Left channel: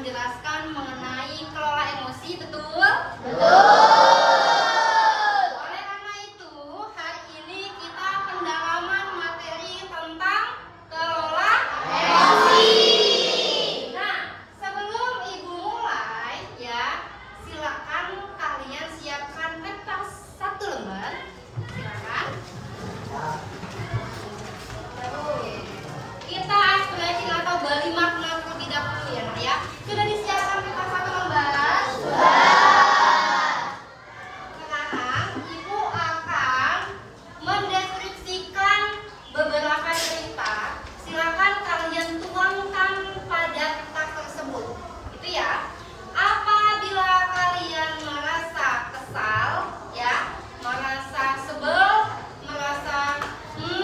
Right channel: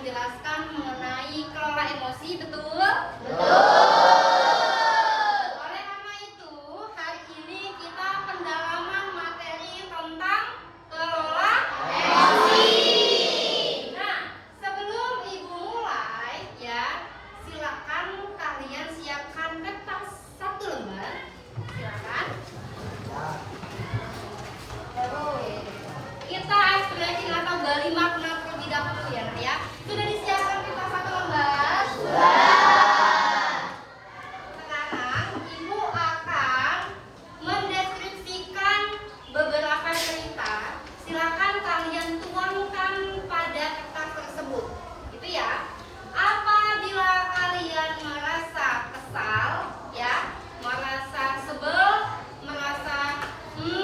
menjelaskan mengenai kelola emosi, betul? Oleh karena itu, hari ini kita pendalaman materi tentang kelola emosi. Nah, sebelum Ibu mulai ya, silakan kalian siapkan kertas 1 lembar. Silakan. Kita ekspresi atau balik makna terlebih dahulu ya, Nak ya. Sudah disiapkan kertas 1 lembar? Sekarang Ibu akan mendeskripsikan beberapa cerita. Silakan kalian tuangkan pada kertas tersebut. Gitu ya. Apabila kalian merasa kesal, ya, merasa sebel, merasa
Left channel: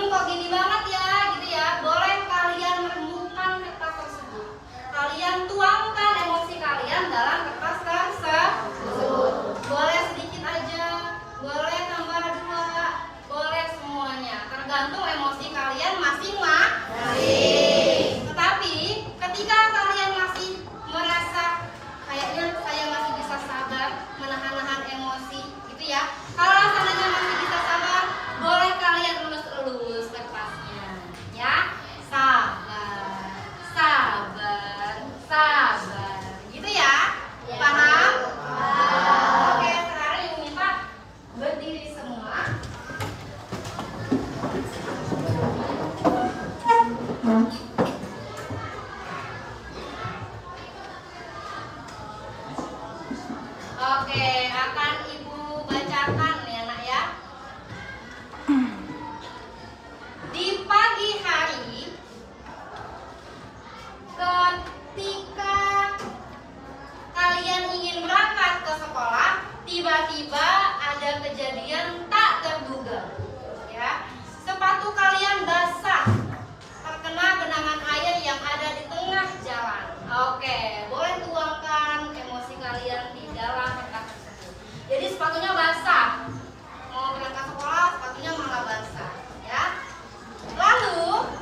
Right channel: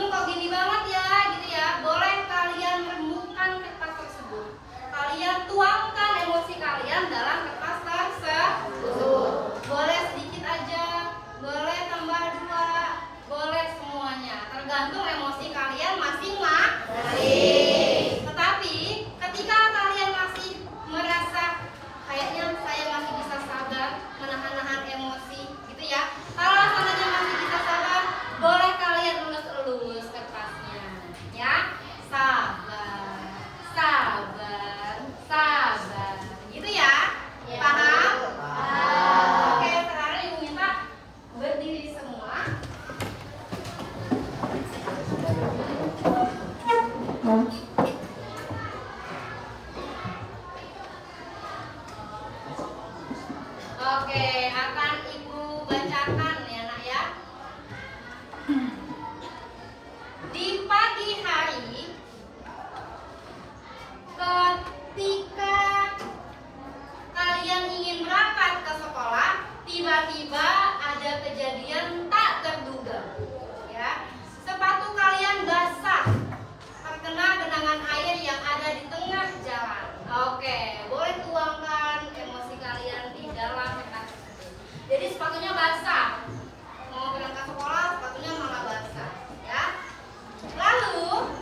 kok gini banget ya, gitu ya, boleh kalian rembukan kertas tersebut. Kalian tuangkan emosi kalian dalam kertas tersebut. Boleh sedikit aja, boleh tambah 2, boleh semuanya, tergantung emosi kalian masing-masing. Tetapi ketika kalian masih merasa kayaknya saya masih bisa sabar, menahan-nahan emosi, gitu ya. Kalau seandainya masih bisa sabar, boleh kalian elus-elus kertasnya, ya. Sabar, sabar, sabar, gitu ya. Paham? Oke, sekarang Ibu minta berdiri semua. Oke, akan Ibu bacakan ya, Nak ya. Di pagi hari, ketika kalian ingin berangkat ke sekolah, tiba-tiba ada kejadian tak terduga. Ya, sepatu kalian basah, terkena genangan air yang ada di tengah jalan. Oke, boleh tuangkan emosi kalian di dalam kertas tersebut. Jadi sepatunya basah, mau berangkat sekolah sepatunya malah basah, ya. Lalu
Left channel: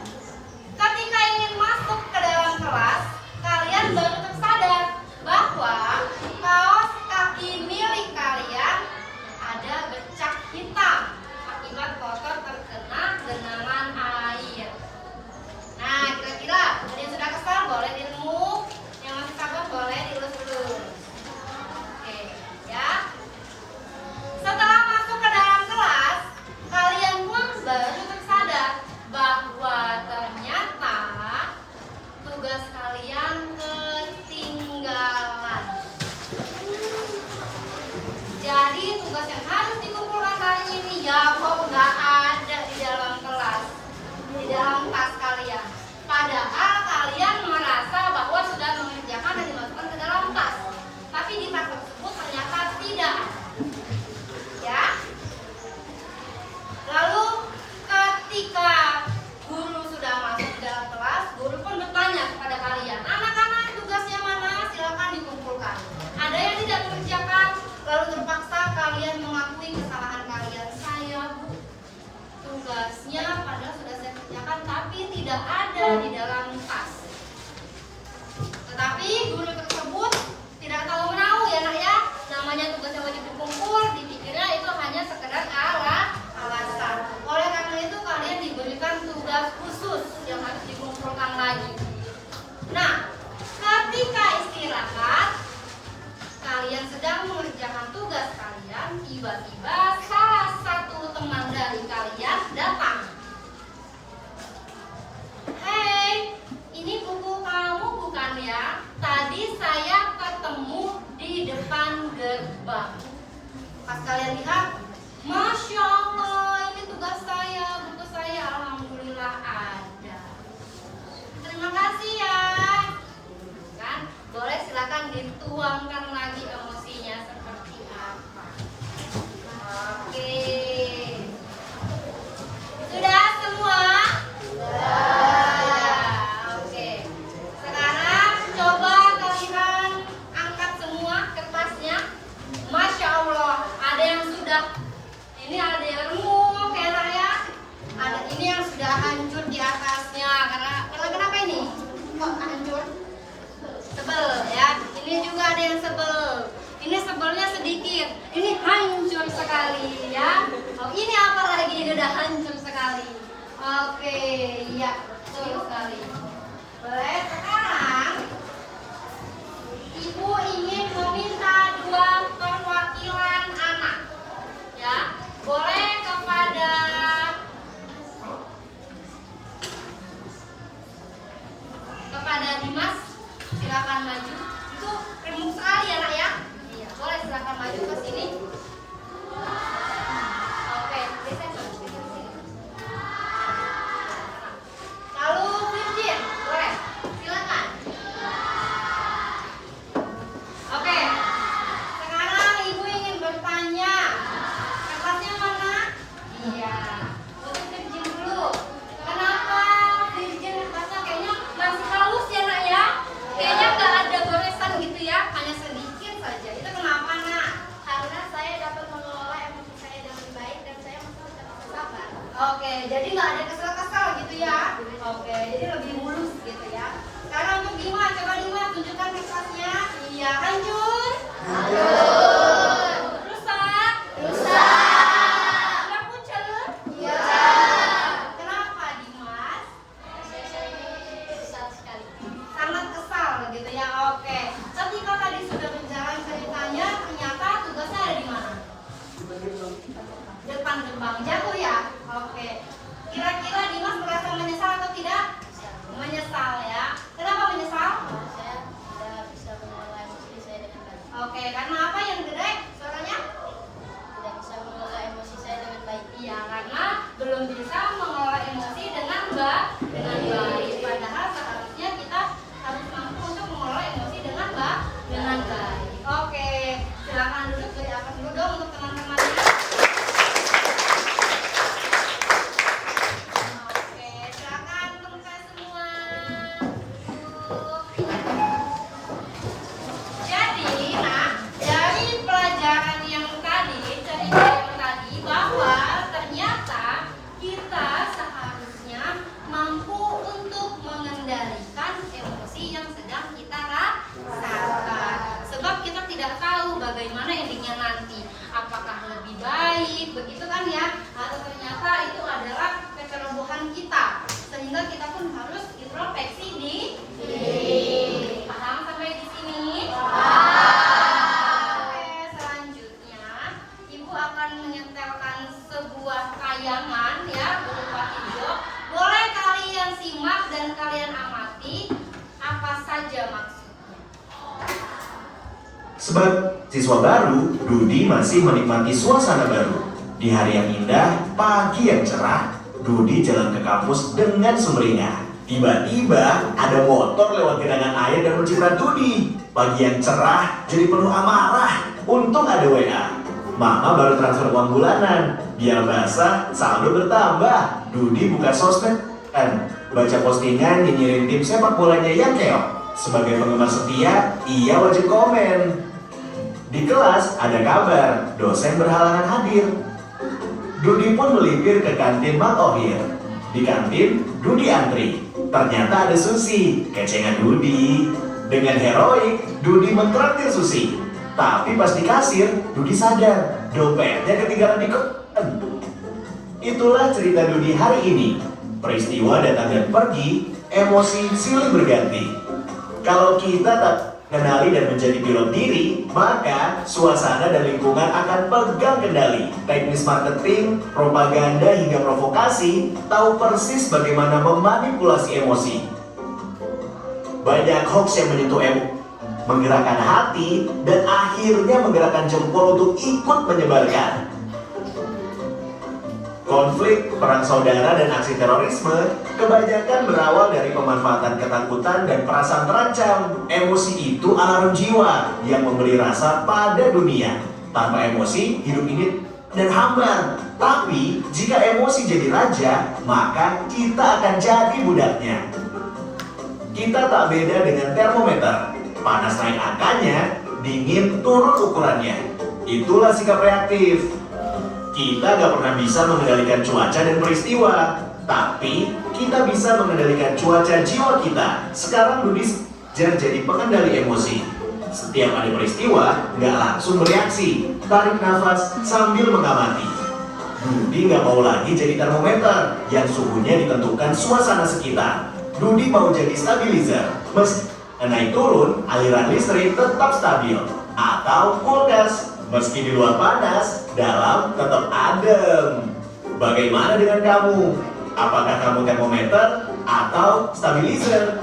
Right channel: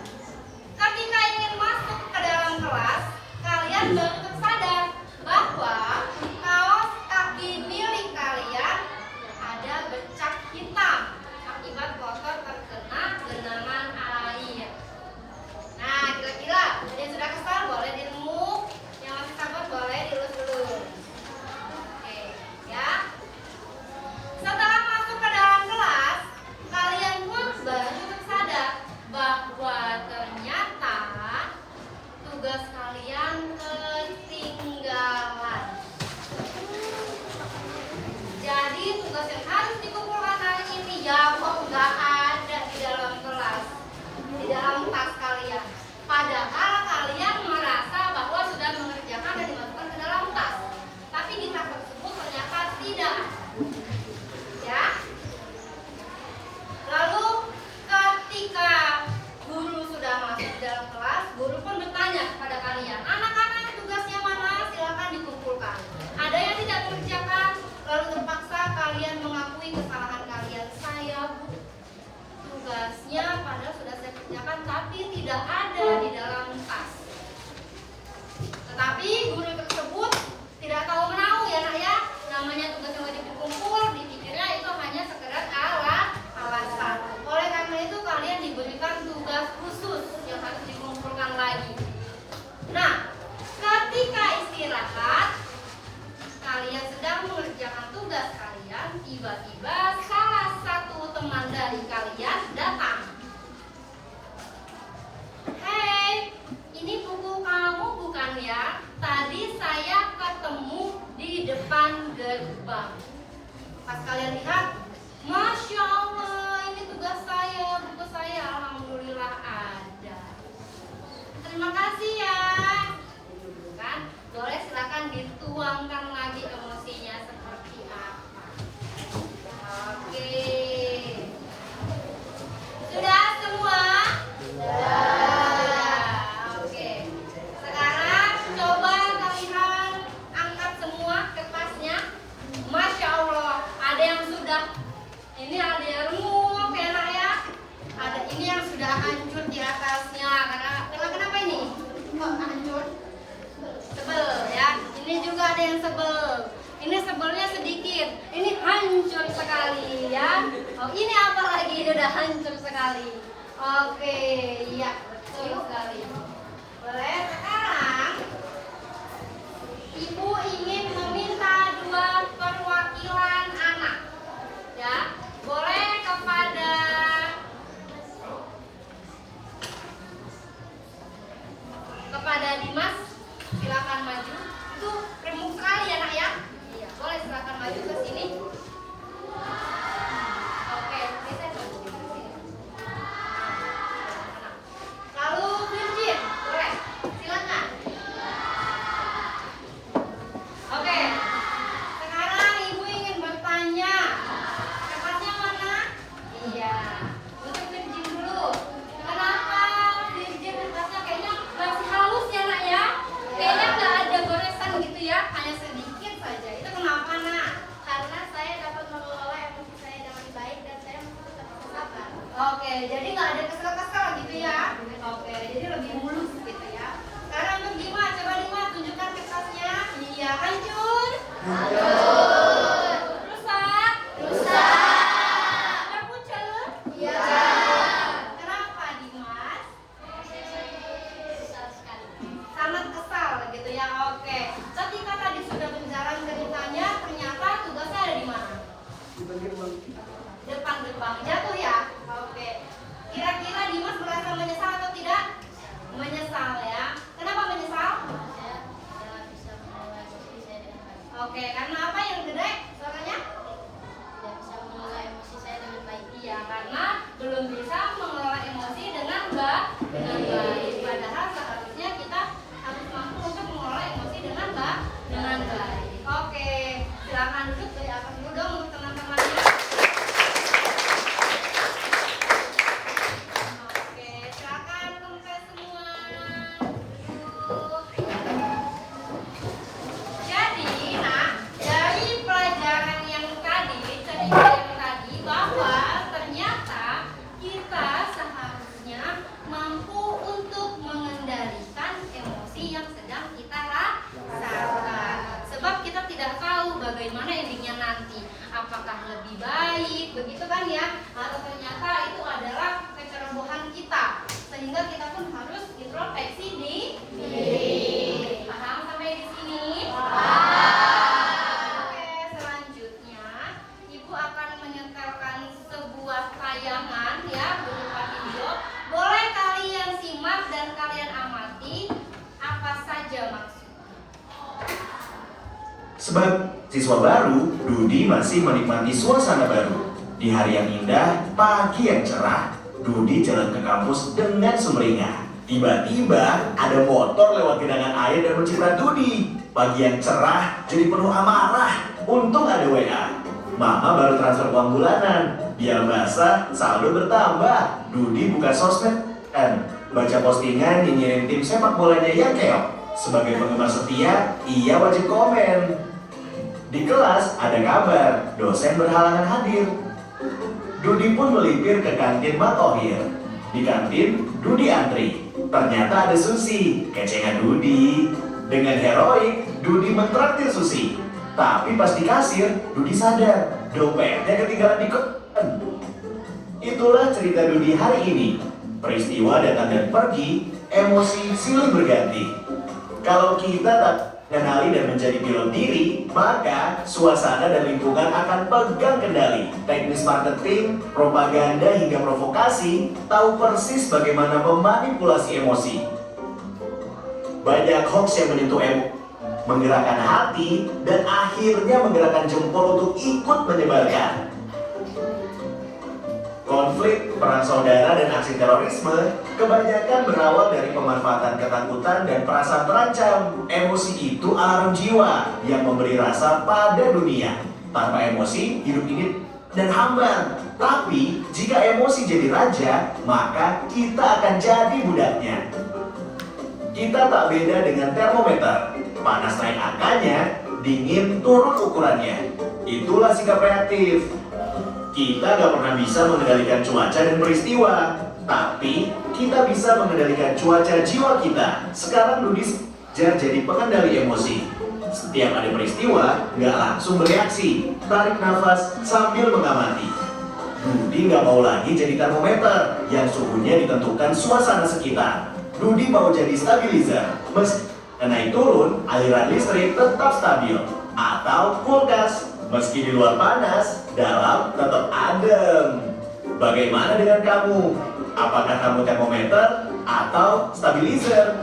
ketika ingin masuk ke dalam kelas, kalian baru tersadar bahwa kaos kaki milik kalian ada bercak hitam akibat kotor terkena genangan air. Nah, kira-kira ada yang sudah kesal boleh diremuk, yang masih sabar boleh dilus-lus. Oke, ya. Setelah masuk ke dalam kelas, kalian pun baru tersadar bahwa ternyata tugas kalian ketinggalan. Jadi tugas yang harus dikumpulkan hari ini ya kok nggak ada di dalam kelas, di dalam tas kalian. Padahal kalian merasa bahwa sudah mengerjakan dan dimasukkan ke dalam tas, tapi di tas tersebut ternyata tidak ada. Ya. Lalu ketika guru sudah masuk ke dalam kelas, guru pun bertanya kepada kalian, anak-anak tugasnya mana? Silakan dikumpulkan. Ada yang tidak mengerjakan, lalu terpaksa kalian mengakui kesalahan kalian. Saya, Bu, tugasnya padahal sudah saya kerjakan, tapi tidak ada di dalam tas. Tetapi guru tersebut tidak tahu menahu ya, Nak ya. Namanya tugas yang wajib dikumpul, dipikirnya itu hanya sekedar alasan. Oleh karena itu kalian diberikan tugas khusus yang harus dikumpulkan lagi. Nah, ketika istirahat, kalian sedang mengerjakan tugas kalian, tiba-tiba salah satu teman dari kalian datang. Hei, ini buku kamu bukan ya? Tadi saya ketemu di depan gerbang. Pas kalian lihat, Masya Allah, ini tugas saya, buku saya, alhamdulillah ada. Terima kasih ya. Kan? Boleh silakan dituangkan lagi emosinya seperti apa. Oke. Sudah semua? Sudah. Oke. Sekarang coba kalian angkat semua kertasnya. Masya Allah, ada yang sudah. Ini ada yang remuk ya, Nak ya. Ada ini yang sudah hancur di atasnya. Karena kenapa ini? Kok hancur? Tebel ya, yang sebel. Ini sebelnya sedikit, ini hancur sekali ya. Oh, ini apa lagi? Ini udah hancur sekali. Oke, ya betul sekali. Boleh sekarang Ibu ingin meminta 2 perwakilan anak. Ya, boleh kepada Dimas, silakan maju. Itu remuk sekali ya nak ya. Iya, boleh silakan maju ke sini. Oke, bisa ke sini. Lalu Virgin, boleh, silakan. Oke, sekarang Ibu ingin bertanya. Kertasnya mana? Iya. Untuk Virgin dulu. Kenapa Virgin kertasnya kayaknya masih halus ya nak ya? Kayaknya nggak ada goresan gitu ya, hanya sedikit saja. Itu kenapa nak? Karena saya dapat mengelola emosi saya dengan baik dan saya masih tetap sabar. Oke, jadi nggak ada kesel-kesel gitu ya? Oke, jadi lebih mulus gitu ya. Sekarang untuk Dimas, coba Dimas tunjukkan kertasnya. Iya, hancur. Rusak. Nggak pucet. Iya. Kenapa Dimas? Saya susah sekali. Sangat kesal gitu ya. Oke. Ketika tadi sudah berjalan ceritanya, ternyata tugasnya ada di mana? Depan gerbang. Jatuh ya? Oke. Kira-kira Dimas merasa menyesal atau tidak? Menyesal ya. Kenapa menyesal? Saya tidak bisa mengelola emosi saya dengan baik. Oke, karena apa yang gede suaranya? Tidak bisa mengelola emosi saya dengan baik. Iya, karena belum bisa mengelola emosi dengan baik. Padahal seharusnya kita harus mampu untuk mengelola emosi dengan baik. Oke, silakan duduk, berikan dulu dong untuk teman-temannya. Oke, silakan kempes semua. Duduk. Jadi, nah, dari pelajaran yang tadi, cerita yang tadi, bahwa ternyata kita seharusnya mampu untuk mengendalikan emosi yang sedang kita rasakan. Sebab kita tidak tahu bagaimana endingnya nanti. Apakah lebih baik, begitu kan ya? Atau ternyata itu adalah kecerobohan kita. Sehingga kita pun harus introspeksi diri. Paham sampai di sini? Oke, selanjutnya Ibu akan menyetelkan sebuah tayangan ya berupa video. Boleh kalian simak dan kalian amati apa saja maksudnya. Sebab siswa baru, Dudi masih menikmati suasana baru. Di hari yang indah, pagi yang cerah, Dudi jalan ke kampus dengan sumringah. Tiba-tiba ada motor lewat genangan air dan menciprat Dudi. Pagi yang cerah jadi penuh amarah. Untung ada WA. Mama baru transfer uang bulanan. Biar basah, saldo bertambah. Dudi buka sosmed kan, baca postingan nyinyirin tim sepak bolanya yang keok. Sebagai penggemar setia, ia wajib komen. Di kelas ada kabar, dosen berhalangan hadir. Dudi pun melipir ke kantin Matohir. Di kantin, Dudi antri. Ternyata ada Susi, kecengan Dudi. Dengan heroik, Dudi mentraktir Susi. Tapi pas di kasir, Dudi sadar, dompetnya ketinggalan di kosan. Itulah cerita Dudi hari ini. Peristiwa datang dan pergi, emosi silih berganti. Kalau kita tak kenali dan menjadi pilot diri, maka suasana dan lingkungan akan pegang kendali. Teknis marketing, propaganda hingga provokasi tahu persis bagaimana memanipulasi emosi. Banyak hoax yang menyentuh menggerakkan hati dan akhirnya menggerakkan jempol untuk ikut menyebarkan. Konflik, perang saudara, dan aksi terorisme kebanyakan berawal dari pemanfaatan ketakutan dan perasaan terancam. Emosi itu alarm jiwa yang memberi rasa pada dunia. Tanpa emosi, hidup ini dan hambar. Tapi, jika emosi jadi raja, maka kita akan jadi budaknya. Kita tak beda dengan termometer. Panas naik angkanya, dingin turun ukurannya. Itulah sikap reaktif. Kita gak pernah bisa mengendalikan cuaca dan peristiwa, tapi kita bisa mengendalikan cuaca jiwa kita. Sekarang Dudi Jar jadi pengendali emosi. Setiap ada peristiwa, nggak langsung bereaksi. Tarik nafas sambil mengamati. Dudi nggak mau lagi jadi termometer yang suhunya ditentukan suasana sekitar. Dudi mau jadi stabilizer. Meski naik turun, aliran listrik tetap stabil. Atau kulkas, meski di luar panas, dalam tetap adem. Bagaimana dengan kamu? Apakah kamu termometer atau stabilizer?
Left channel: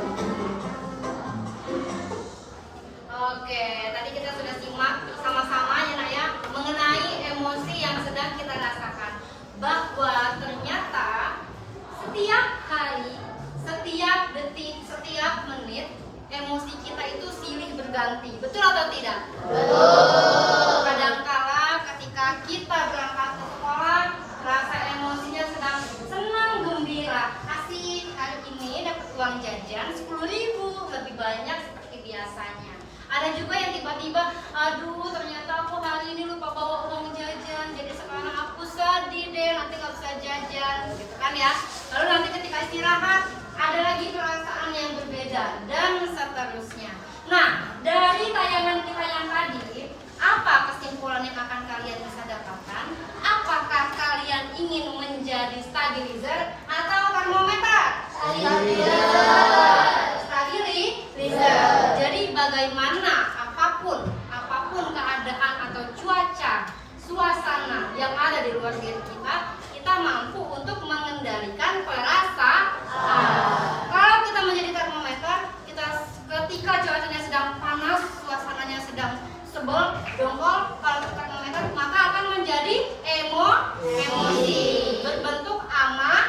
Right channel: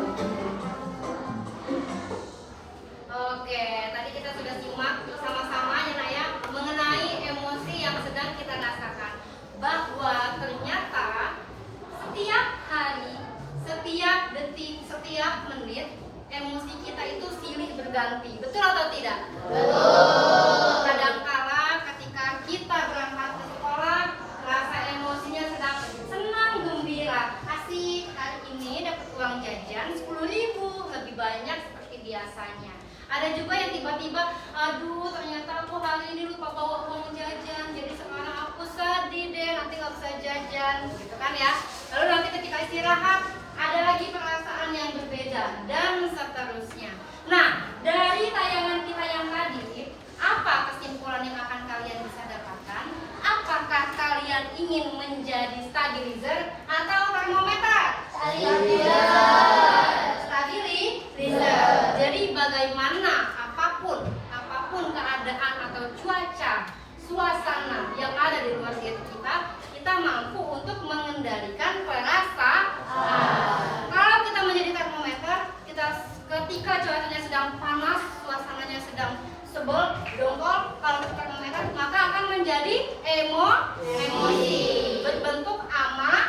Oke, tadi kita sudah simak bersama-sama ya Nak ya, mengenai emosi yang sedang kita rasakan. Bahwa ternyata setiap hari, setiap detik, setiap menit, emosi kita itu silih berganti. Betul atau tidak? Betul. Kadangkala ketika kita berangkat ke sekolah, rasa emosinya sedang senang, gembira. Asik, hari ini dapat uang jajan 10.000, lebih banyak seperti biasanya. Ada juga yang tiba-tiba, aduh ternyata aku hari ini lupa bawa uang jajan, jadi sekarang aku sedih deh, nanti nggak bisa jajan, gitu kan ya. Lalu nanti ketika istirahat, ada lagi perasaan yang berbeda, dan seterusnya. Nah, dari tayangan kita yang tadi, apa kesimpulan yang akan kalian bisa dapatkan? Apakah kalian ingin menjadi stabilizer atau termometer? Stabilizer. Jadi bagaimana apapun keadaan atau cuaca, suasana yang ada di luar diri kita mampu untuk mengendalikan perasaan. Kalau kita menjadi termometer, kita ketika cuacanya sedang panas, suasananya sedang sebel, dongkol, kalau kita termometer maka akan menjadi emosi berbentuk amarah.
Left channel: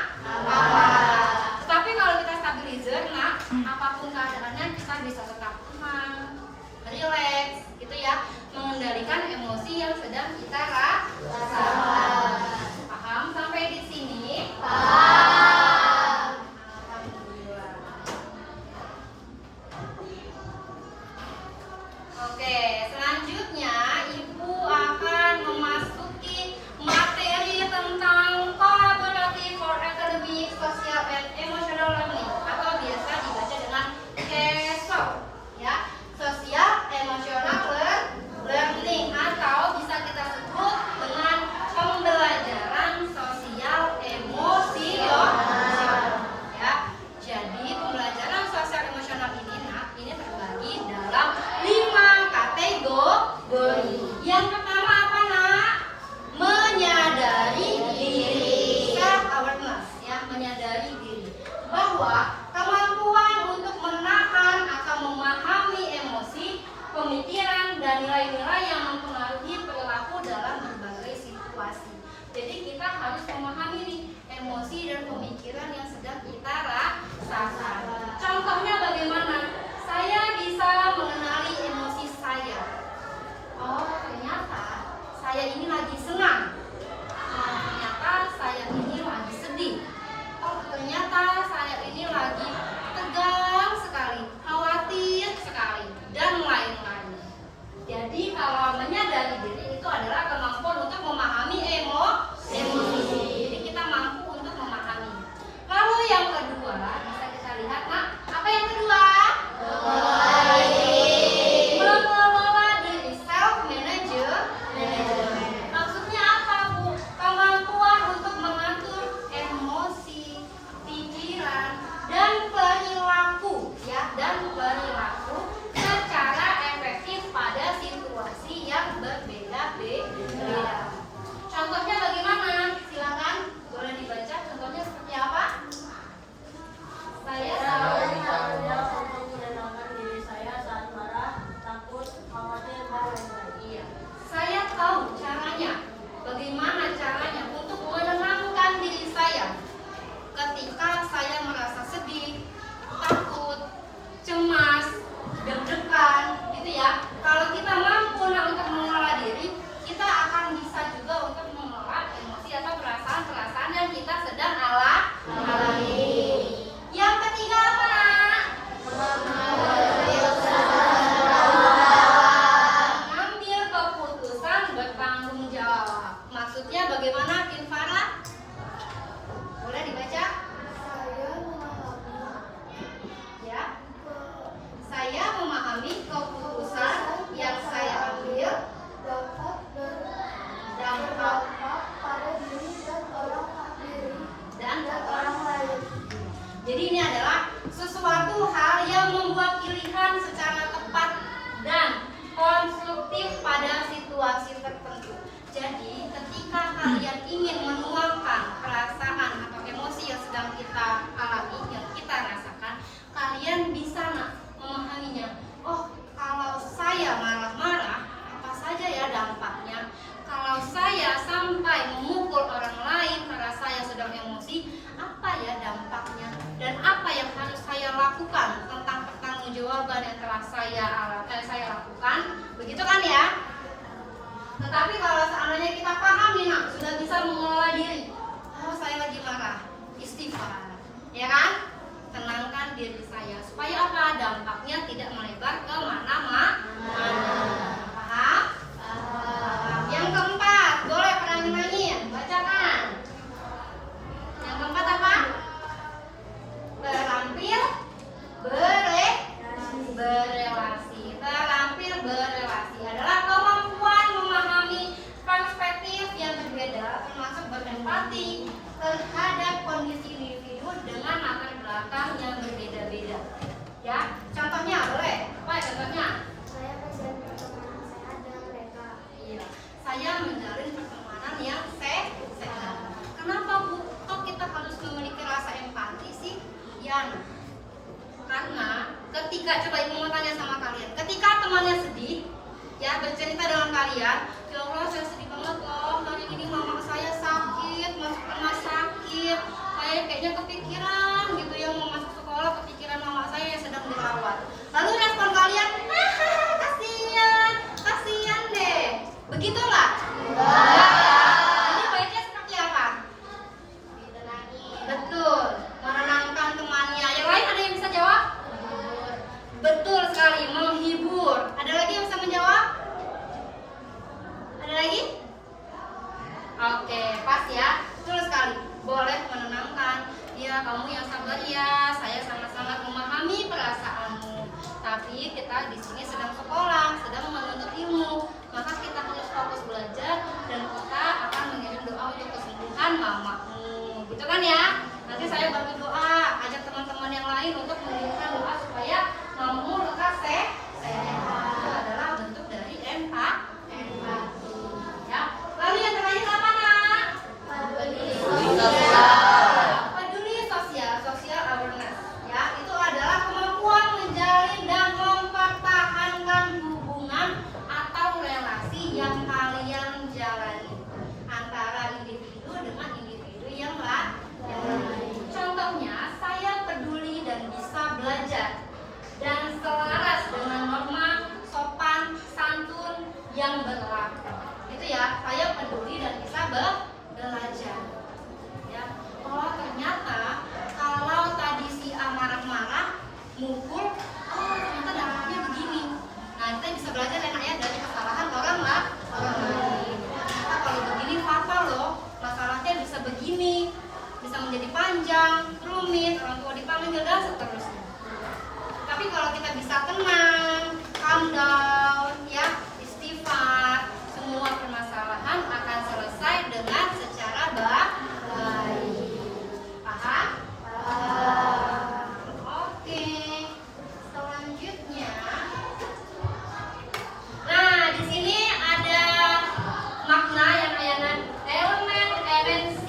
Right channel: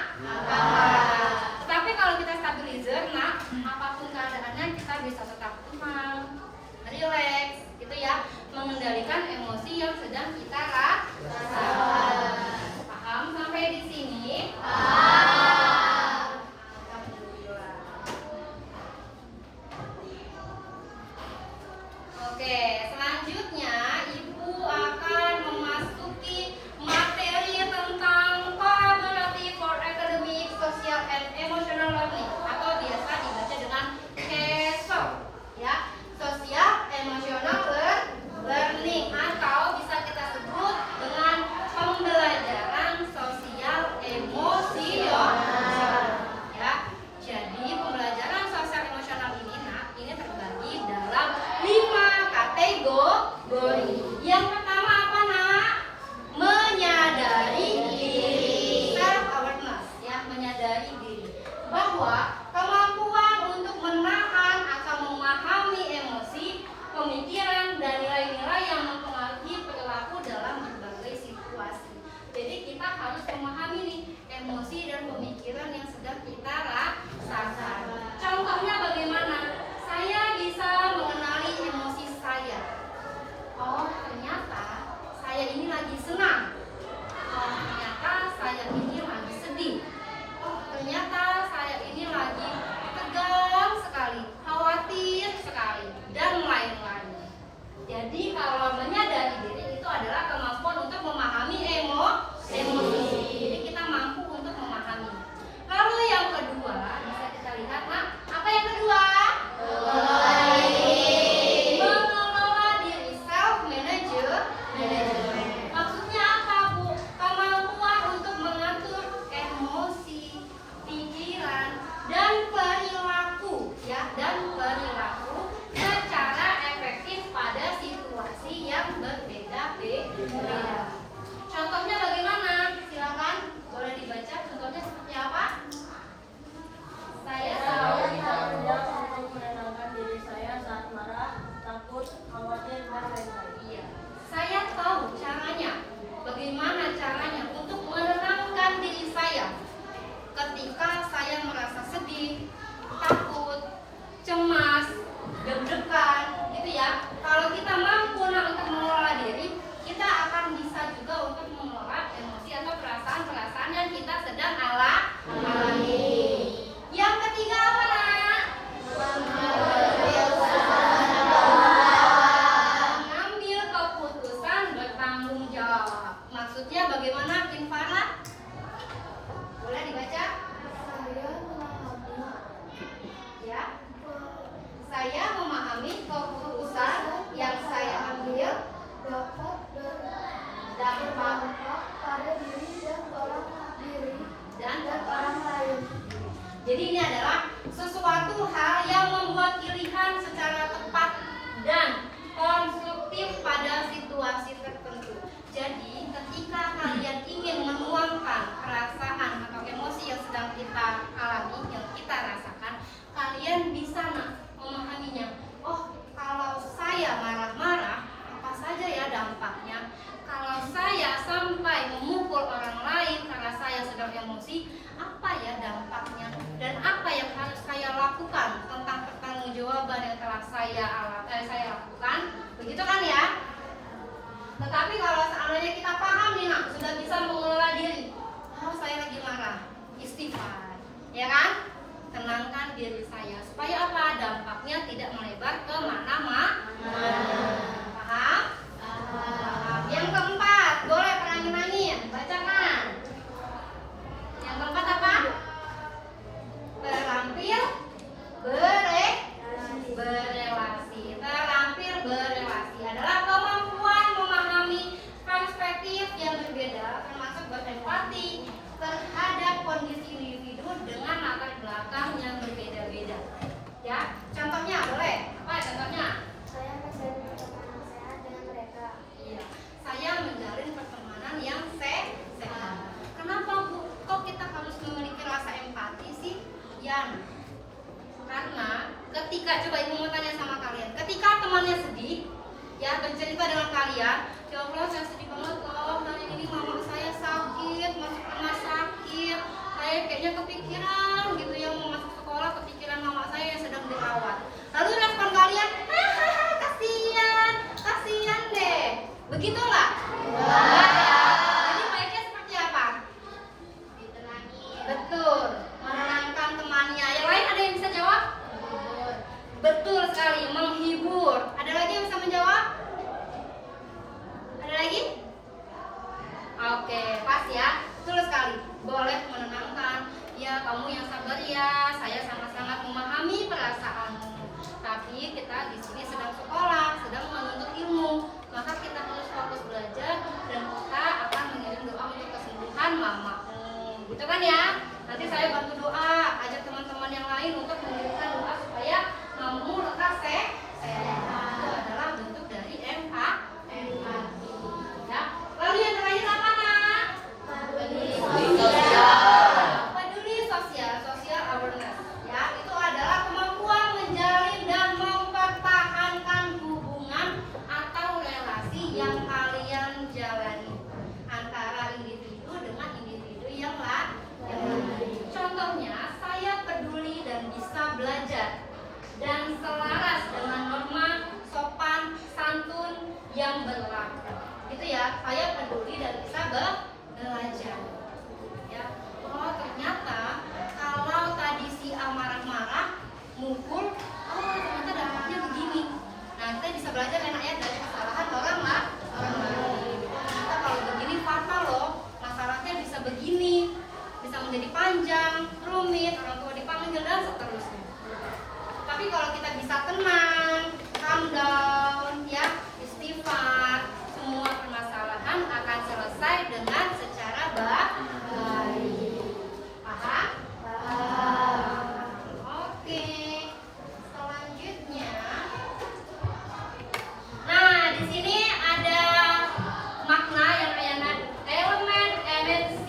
Tetapi kalau kita stabilizer, nah apapun keadaannya kita bisa tetap tenang, relax, gitu ya, mengendalikan emosi yang sedang kita rasakan. Paham sampai di sini? Paham. Alhamdulillah. Oke, selanjutnya Ibu akan memasuki materi tentang seperti saya lakukan, begitu kan ya? Tetapi kalau seandainya kita paham nih nak, sudah bisa mengelola diri, oh saya lagi marah, istighfar, ya kan? Tenangkan diri saya supaya apa? Dampaknya tidak melebar ke mana-mana. Paham? Yang keempat, boleh perangin-angin, bacakan. Yang keempat apa? Terampil berelasi. Terampil berelasi adalah kemampuan memahami perspektif yang berbeda, termasuk berempati terhadap kondisi individu dengan latar belakang yang berbeda-beda. Ya, contohnya boleh? Apa contohnya? Saya menjalin pertemanan sehat dengan mereka. Iya, saya menjalin pertemanan yang sehat. Kenapa Bu? Kok kita harus memiliki rasa empati sih? Ya, karena ketika, coba Ibu mau tanya sama kalian, ketika temannya sedih, ya bercerita dengan kalian, ya Allah saya sedih banget loh, dari ini mama saya sakit, masuk rumah sakit, saya kayaknya kepikiran gitu ya, mau masuk sekolah, kepikiran mama saya yang sedang dirawat. Lalu respon kalian, kasihan, kasihan deh, begitu nggak? Enggak ya. Jadi baiknya seperti apa? Betul, menenangkan temannya. Yang lain ada yang bisa jawab? Betul sekali, menghibur. Ada lagi yang bisa menjawab? Ada lagi? Oke, pas ya. Betul sekali. Boleh menenangkan. Ya, kamu yang sabar ya. Saya sangat-sangat memahami perasaanmu. Tapi kita di sini sedang sekolah, sedang menuntut ilmu. Maka kita harus fokus belajar dan kita akan mengirim doa untuk kesembuhan mamamu. Gitu kan ya? Nanti saya bantu doa, ajak teman-teman yang lain untuk mengirimkan doa supaya mamamu lekas sehat. Itu adalah bentuk dari empati. Ya. Lalu yang terakhir apa nak? Peduli sosial, social awareness. Ya, itu adalah kemampuan menjalin dan mempertahankan hubungan atau relasi yang kalian jalani antara individu dengan individu yang lain. Contohnya, saya peduli dan bisa belajar dan selaras dengan norma sopan santun yang berlaku. Itu ya, saya peduli dan bisa belajar. Ya, oh ternyata kalau tadi si A marah-marah, mukul, oh ternyata dampaknya begini. Nah kita bisa belajar ya dari kesalahan orang lain. Kita kalau begini fatal loh, masalahnya bisa begini, bisa menjadi panjang, rumit, orang tua dipanggil dan seterusnya. Tapi kalau kita bisa tenang, calm down, ya, istighfar, semua permasalahan akan selesai dengan secara baik. Paham? Oke. Selanjutnya, nah di sini ada makna yang elemen MNC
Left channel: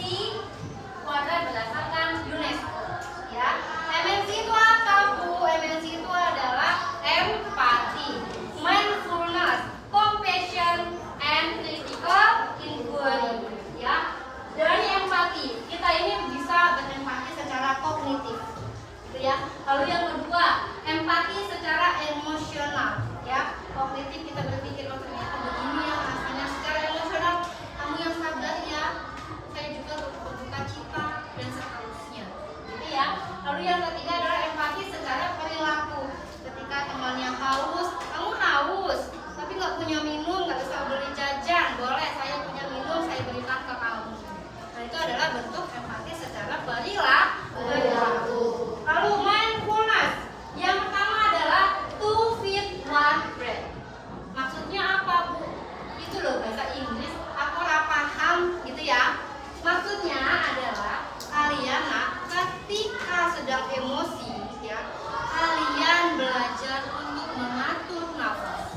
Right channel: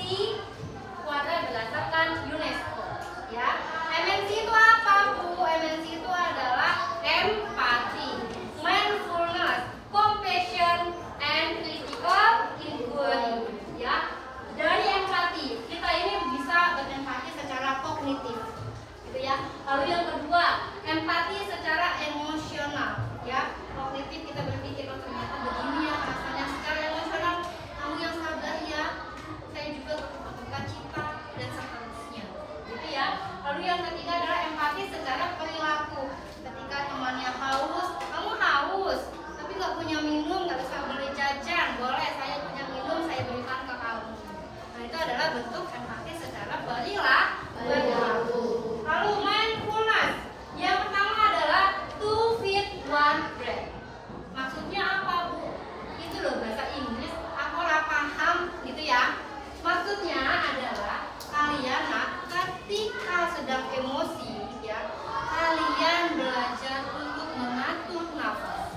pada berdasarkan UNESCO. Ya, MNC itu apa Bu? MNC itu adalah empati, mindfulness, compassion, and critical thinking. Ya, dari empati kita ini bisa berempati secara kognitif, gitu ya. Lalu yang kedua, empati secara emosional. Ya, kognitif kita berpikir oh ternyata begini ya rasanya. Secara emosional kamu yang sabar ya, saya juga berduka cita dan seterusnya, gitu ya. Lalu yang ketiga adalah empati secara perilaku. Ketika temannya haus, kamu haus tapi nggak punya minum, nggak bisa beli jajan, boleh saya punya minum, saya berikan ke kamu. Nah itu adalah bentuk empati secara perilaku. Lalu mindfulness, yang pertama adalah two feet one breath. Maksudnya apa Bu? Itu loh bahasa Inggris, aku ora paham gitu ya. Maksudnya adalah kalian ketika sedang emosi ya, kalian belajar untuk mengatur nafas.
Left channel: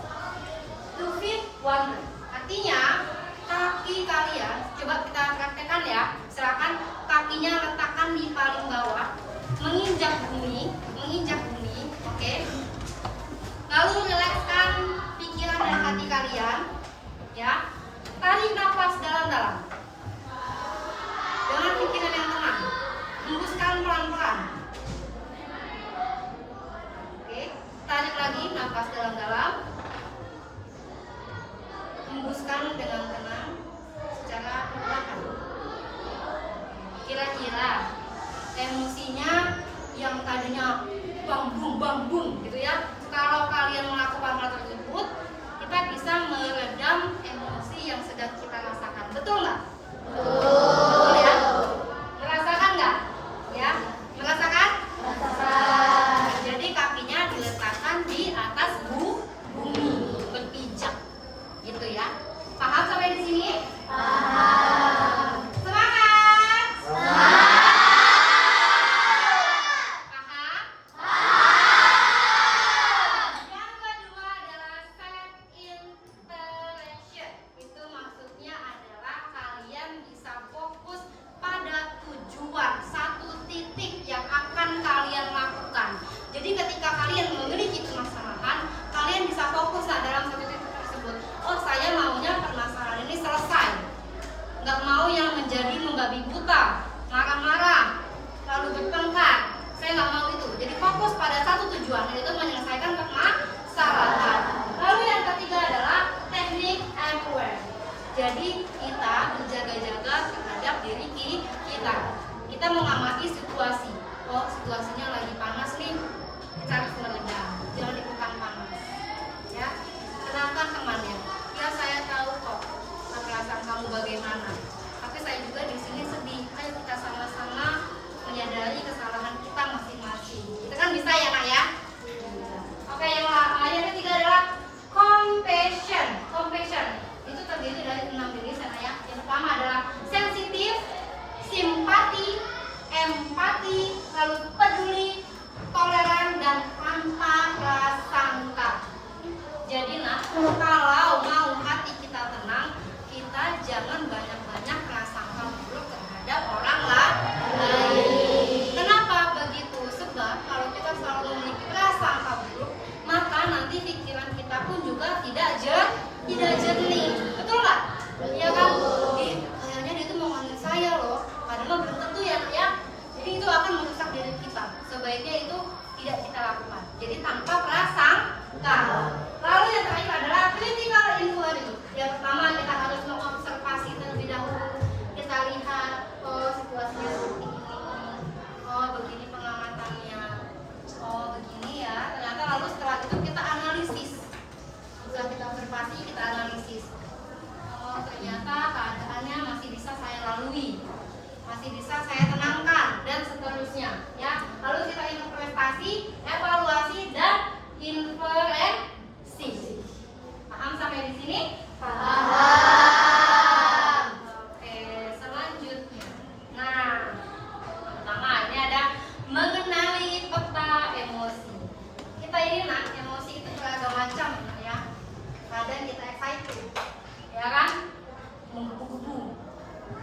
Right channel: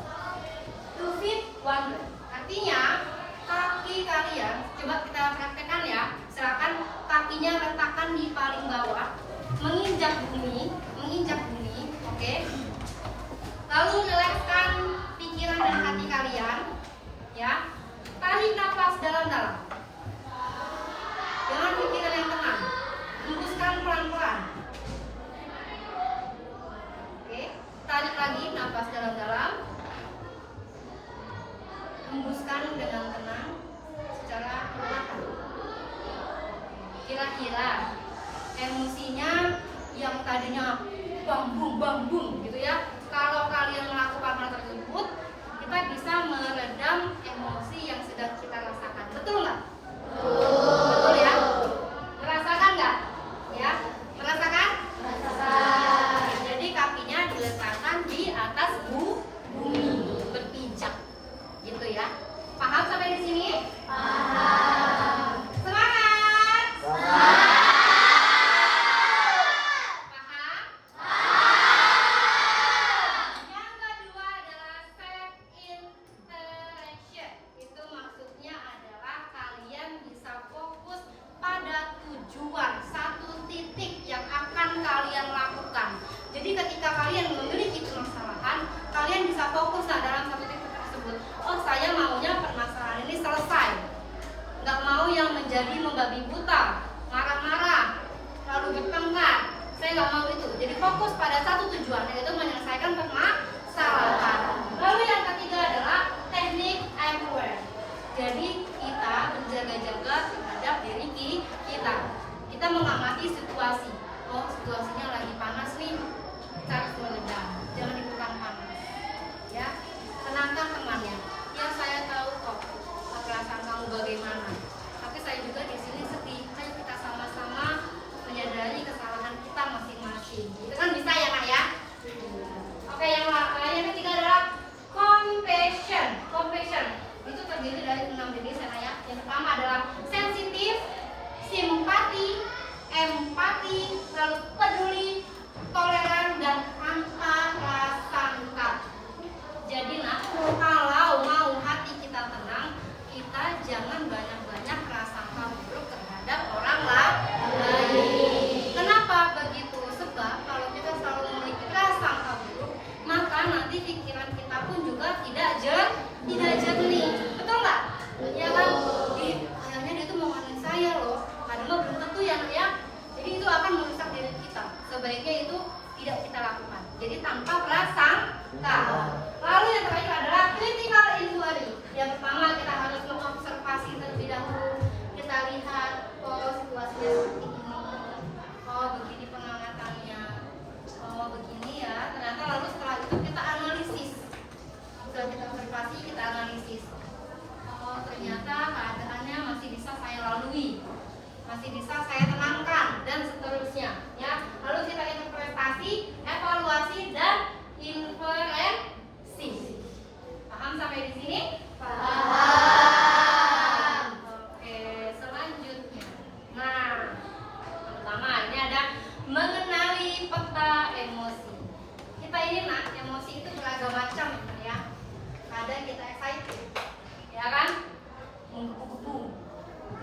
Two feet one breath. Artinya kaki kalian, coba kita praktekkan ya. Silakan kakinya letakkan di paling bawah, menginjak bumi, oke. Lalu rilekskan pikiran dan hati kalian, ya. Tarik nafas dalam-dalam dengan pikiran yang tenang, hembuskan pelan-pelan. Oke, tarik lagi nafas dalam-dalam, rumuskan dengan tenang secara perlahan. Kira-kira emosinya yang tadinya bang bung gitu ya, kalau kalian melakukan hal tersebut, kita bisa meredam emosi yang sedang kita rasakan. Betul nggak? Betul ya? Merasakan nggak? Ya, merasakan? Jadi kakinya diletakkan di atas bumi, berpijak, gitu ya. Paham sampai di sini? Paham. Semangat. Paham? Yang kedua adalah set interaction. Itu maksudnya adalah kalian bisa fokus pada tujuan, satu titik yang akan kalian lakukan. Jadi ketika kalian memiliki permasalahan, kalian bisa fokus dalam satu titik tersebut. Oh, saya maunya permasalahan ini selesai. Nggak mau yang menjadi membabi buta, marah-marah, lalu bertengkar. Saya nggak mau itu. Jadi fokus pada satu tujuan, yaitu menyelesaikan permasalahan. Lalu yang ketiga adalah teknik I'm aware. Jadi kita berjaga-jaga terhadap diri kita. Kita mengamati situasi. Oh, situasinya lagi panas nih, kita harus meredam. Jangan ikutan panas. Ya, tenangkan temannya. Ya, saya tahu kok perasaan kamu bagaimana. Tapi saya juga di sini sedih. Ayo kita sama-sama menyadari kesalahan kita masing-masing. Itu kan bisa ya, Nak ya? Oke, yang ketiga adalah compassion. Compassion itu terdiri dari 6 jenis ya. Yang pertama adalah sensitif, simpati, empati, lalu peduli, toleran, dan tanpa prasangka. Jadi kalau mau hati kita tenang, kita jangan banyak-banyak prasangka buruk terhadap orang lain. Kenapa begitu? Sebab kalau kita selalu memiliki prasangka buruk, maka nanti pikiran kita pun juga tidak jernih. Betul nggak? Ya kan? Kayaknya dia tuh mau ngomongin saya loh. Padahal belum tentu ya. Jadi itu akan merusak diri kita. Sebaiknya itu tidak kita lakukan. Jadi tanpa prasangka. Lalu yang terakhir adalah critical inquiry. Yang pertama kita harus mengobservasi terlebih dahulu. Kita lihat, oh situasinya seperti ini. Oh begini pengamatannya. Oh begini ya. Ternyata lalu setelah itu kita analisis. Setelah kita observasi, kita analisis. Oh ternyata keadaannya masih bisa saya lalui, masih bisa saya tenangkan, dan seterusnya ya. Lalu kita interpretasi, evaluasi, dan inferensi. Paham sampai di sini? Paham. Oke, selanjutnya. Nah, pertama ini ada mengenali peta emosi. Kita ini emosi itu beragam macam ya. Kadang kita excited, ya kan? Menggebu-gebu.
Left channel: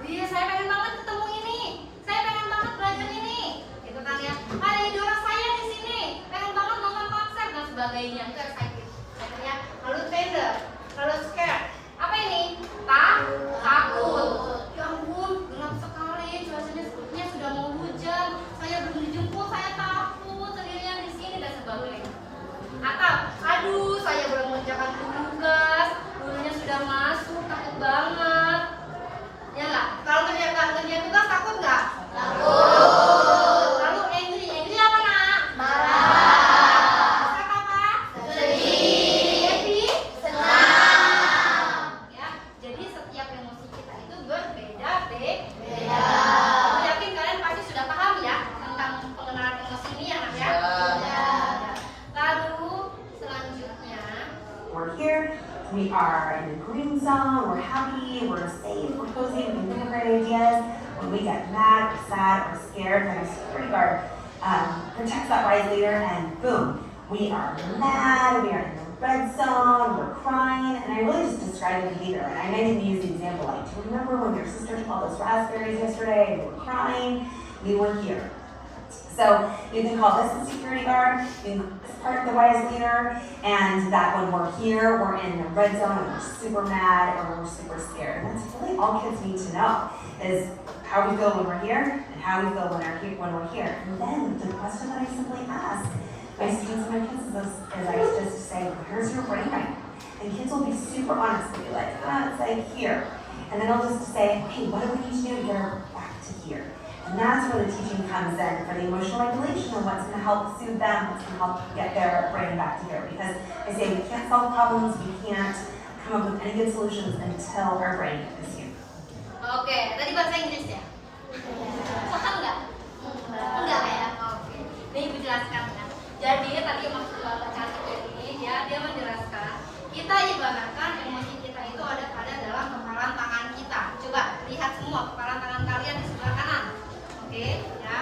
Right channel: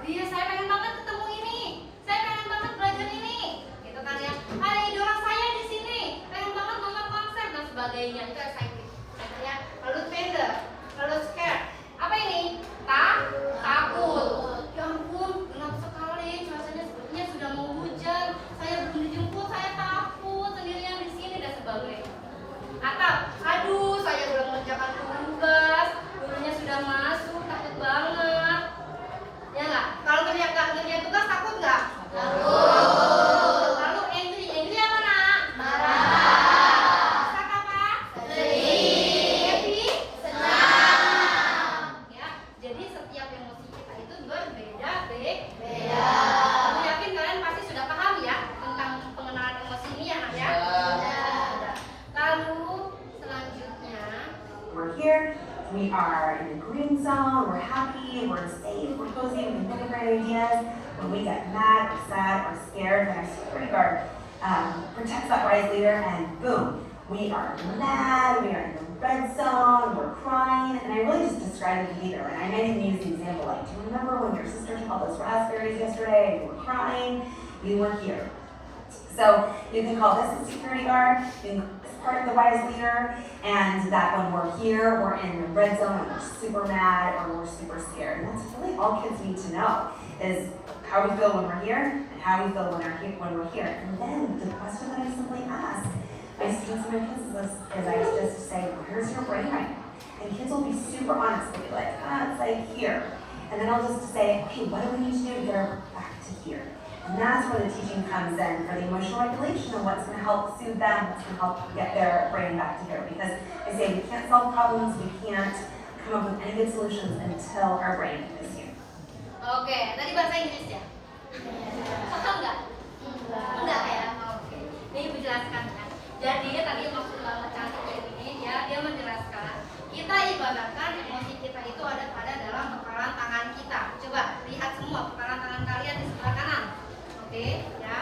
Iya, saya pengen banget ketemu ini. Saya pengen banget belajar ini. Gitu kan ya. Ada idola saya di sini. Pengen banget nonton konser dan sebagainya. Itu excited. Ya. Lalu tender, lalu scare. Apa ini? Takut. Ya ampun, gelap sekali. Cuacanya sepertinya sudah mau hujan. Saya belum dijemput, saya takut sendirian di sini dan sebagainya. Atau, aduh, saya belum mengerjakan tugas. Gurunya sudah masuk, takut banget. Ya nggak? Kalau kerja tugas takut nggak? Takut. Lalu angry apa nak? Marah. Sad apa? Sedih. Happy? Senang. Ya, jadi setiap emosi kita itu berbeda-beda. Aku yakin kalian pasti sudah paham ya tentang pengenalan emosi ini ya nak ya. Lalu selanjutnya. We're here. We are in the green zone, we're happy, we're safe, we're cozy, we think of great ideas. When we get mad, or sad, or scared, then our security guard protects that wise leader, and boom, we are mad, we are in the red zone, we're crying, and I really just described the behavior. And I might even use the example like, do you remember when your sister called us raspberries yesterday and you were crying? We were here. So you can call this a security guard, you can part of the wise leader, and that when we're here, we're in the red zone and we're super mad or we're super scared. And that's really all kids need to know, is how we feel when we're here and how we feel when we're here. And then the question that I simply ask my students and my kids is I just say, where's your brain right now? And kids will be super honest. They'll be like, it's like here. And then I'll just say, hey, what do we need to do to get her back to here? And that's where the teaching comes in for the emotional regulation and what's going to help soothe them, what's going to help get their brain back to here. Because I say we can't solve problems, we can't come up with any good solutions until our brain is here. Oke, tadi bahasa Inggris ya? Paham nggak? Enggak ya? Oke. Ini Ibu jelaskan kan. Jadi tadi maksud Bapak cantik ya ini dia menjelaskan kita ibaratkan emosi kita itu ada pada dalam kepalan tangan kita. Coba lihat semua kepalan tangan kalian di sebelah kanan. Oke, ya.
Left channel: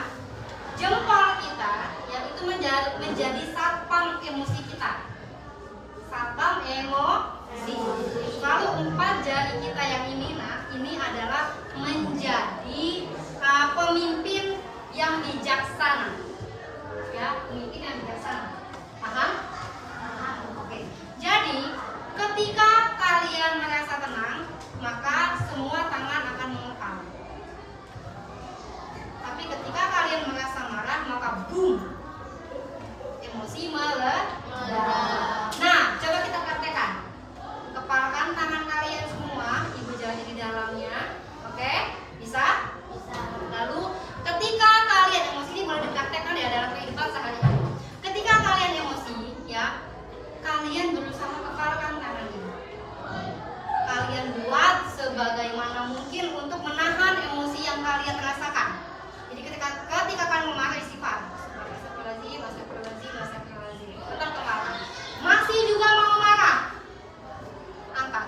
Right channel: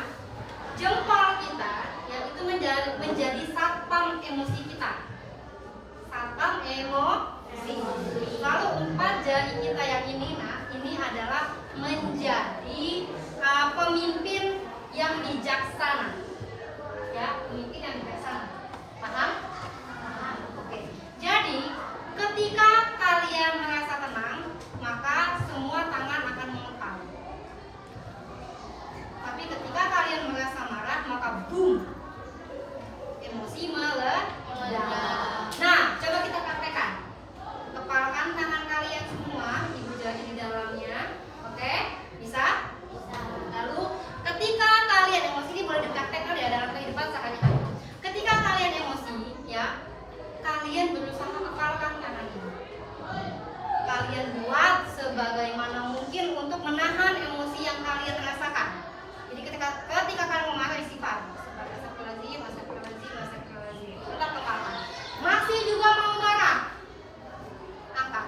Jempol kita yang itu menjadi satpam emosi kita. Satpam emosi. Lalu 4 jari kita yang ini, nah ini adalah menjadi pemimpin yang bijaksana. Ya, pemimpin yang bijaksana. Paham? Oke. Jadi, ketika kalian merasa tenang, maka semua tangan akan mengepal. Tapi ketika kalian merasa marah, maka boom, emosi meledak. Nah, coba kita praktekkan. Kepalkan tangan kalian semua, Ibu jari di dalamnya. Oke? Bisa? Lalu ketika kalian emosi, ini boleh dipraktekkan ya dalam kehidupan sehari-hari. Ketika kalian emosi, ya, kalian berusaha kepalkan tangan ini. Kalian buat sebagaimana mungkin untuk menahan emosi yang kalian rasakan. Jadi ketika kalian memarah, istighfar. Astagfirullahaladzim. Tetap kepala. Masih juga mau marah, angkat.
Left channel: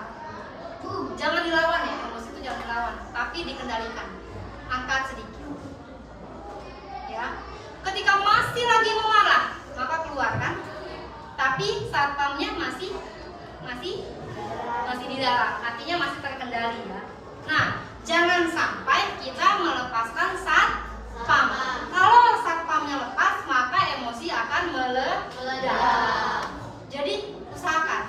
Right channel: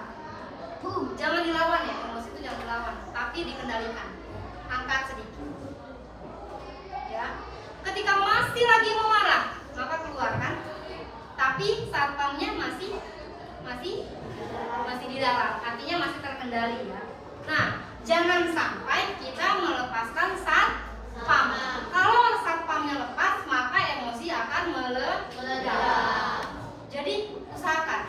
Jangan dilawan ya, emosi itu jangan dilawan, tapi dikendalikan. Angkat sedikit. Ya. Ketika masih lagi memarah, maka keluarkan. Tapi satpamnya masih di dalam, artinya masih terkendali ya. Nah, jangan sampai kita melepaskan satpam. Kalau satpamnya lepas, maka emosi akan meledak. Jadi usahakan.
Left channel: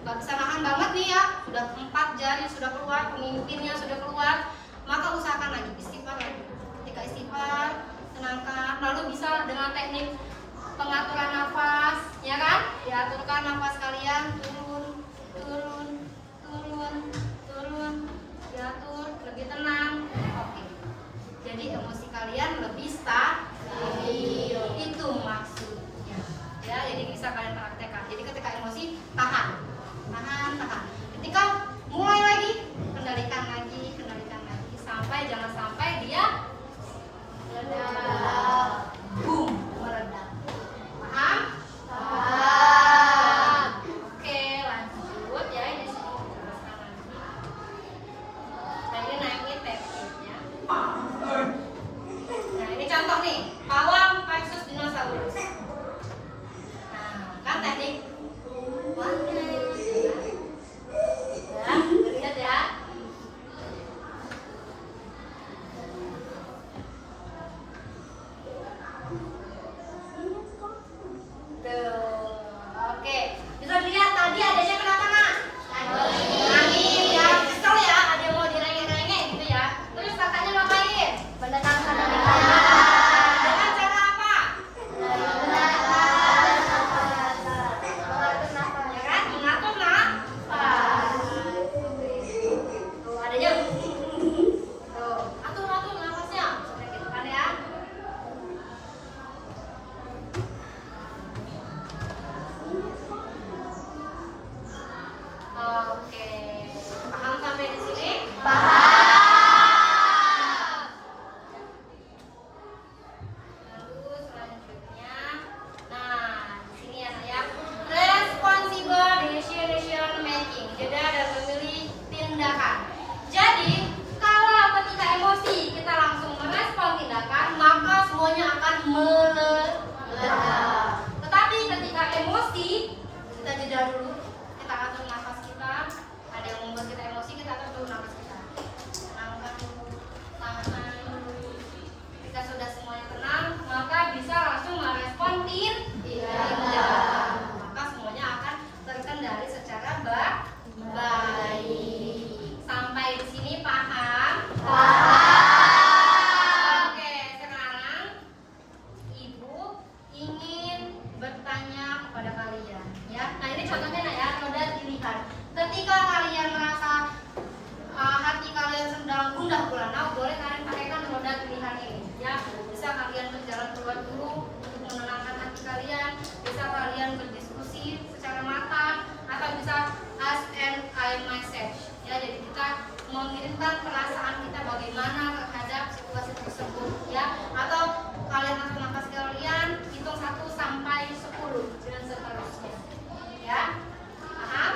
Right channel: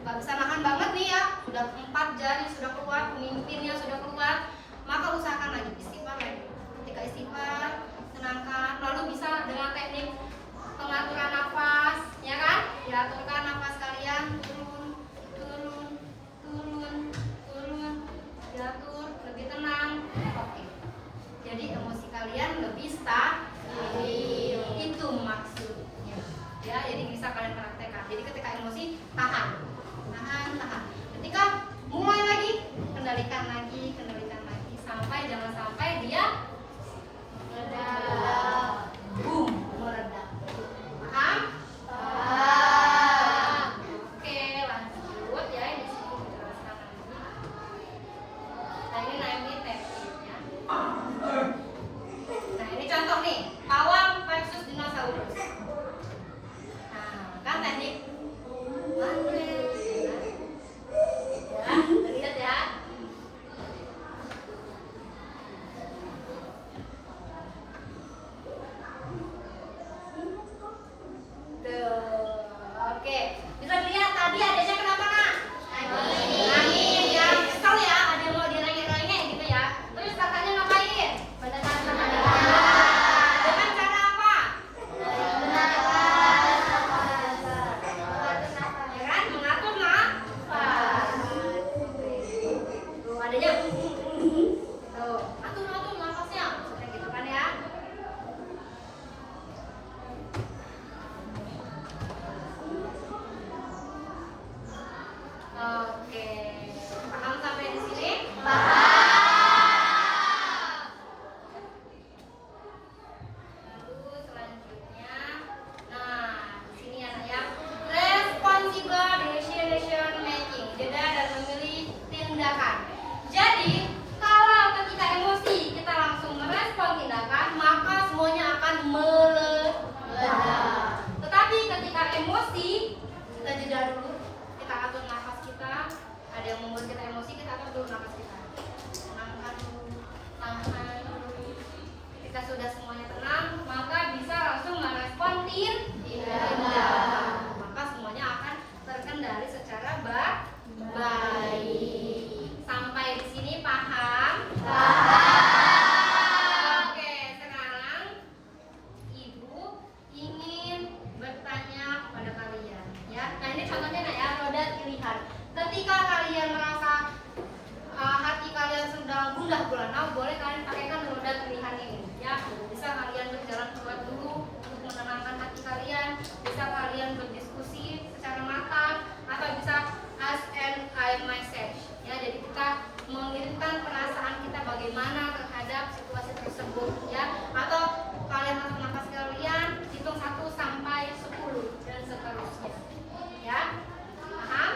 Gak bisa nahan banget nih ya, sudah 4 jari sudah keluar, pemimpinnya sudah keluar, maka usahakan lagi, istighfar lagi. Ketika istighfar, tenangkan, lalu bisa dengan teknik pengaturan nafas, ya kan? Diaturkan nafas kalian, turun, diatur, lebih tenang. Oke. Jadi emosi kalian lebih stabil. Itu maksudnya. Ya, jadi bisa kalian praktekkan. Jadi ketika emosi, tahan. Ketika mulai lagi, kendalikan lagi, sampai jangan sampai dia meledak. Boom, meledak. Paham? Oke, lanjut ya, ini sini jelaskan lagi. Nah, ini naiknya tekniknya. Nah, ini contoh nih, pawang versus dinosaurus. Nah, kan teknik lihat ya. Oke, bisa dilihat tadi adanya kenapa nak? Angin ya, kesel ya, ada mau direngek-rengek gitu ya. Terus kakaknya ngapain? Menenangkan. Dengan cara apa? Ya kan, mengatur nafas. Tuh adanya tuh, atur nafasnya, seperti gitu kan ya. Oke, paham sampai di sini? Paham. Lalu selanjutnya, nah di sini ya saya responsible decision making, jeda dan memilih tindakan. Jadi kalau ketika emosi kita langsung merespon tindakan, maka semuanya akan meledak. Tetapi ketika emosi kita jeda dulu. Kita atur nafas kita, ada yang membuat kita emosi, kita atur nafas kita, tenangkan dulu, tahan dulu. Ketika sudah semuanya tenang, maka bisa langsung merespon tindakan. Maka semuanya akan terkendali secara baik. Sampai di sini paham? Paham. Oke, sekarang Ibu ingin bertanya kepada kalian, ya. Nah ini contohnya ya. noda pilihan. Ketika kalian merasa hati kalian sedang gundah gulana, boleh kalian pakaikan noda pilihan ini. Ya, bisa kalian berjalan keluar dulu untuk menenangkan hati kalian. Bisa kalian berdiskusi secara matang, atau bisa ask and I message. Ya, jadi kita mengirimkan perasaan kita bagaimana terhadap situasi tersebut, ya. Atau kalian tarik nafas kalian, hitung 1 sampai 10 dan seterusnya. Ya, paham?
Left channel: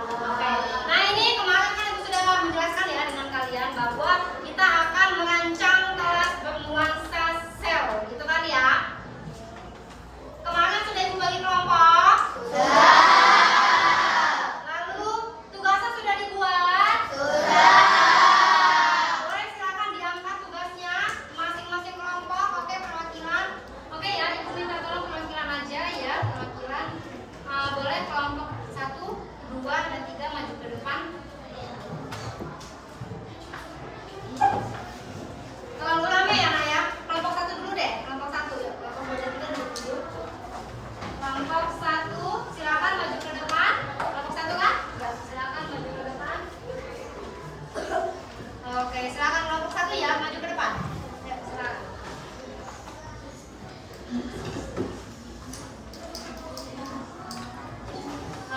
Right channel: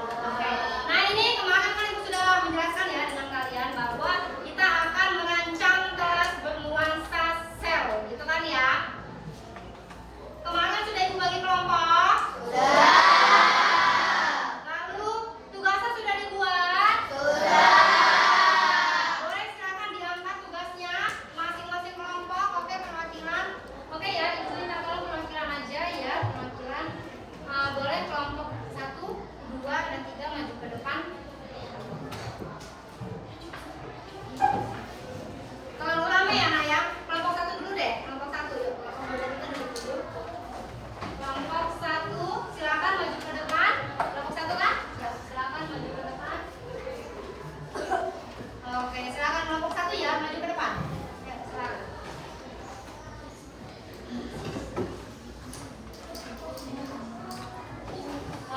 Oke. Nah, ini kemarin kan ibu sudah menjelaskan ya dengan kalian bahwa kita akan merancang kelas bernuansa sel, gitu kan ya? Kemarin sudah ibu bagi kelompok? Sudah. Lalu tugasnya sudah dibuat? Sudah. Boleh silakan diangkat tugasnya masing-masing kelompok. Oke, perwakilan. Oke ya, ibu minta tolong perwakilan aja ya, perwakilan. Boleh kelompok 1, 2, dan 3 maju ke depan. Terlalu rame ya Nak ya? Kelompok 1 dulu deh, kelompok 1 ya. Kelompok 2 dan 3 dulu. Kelompok 1 silakan maju ke depan. Kelompok 1 kan? Silakan maju ke depan. Oke, silakan kelompok 1 ya, maju ke depan. Ya, silakan.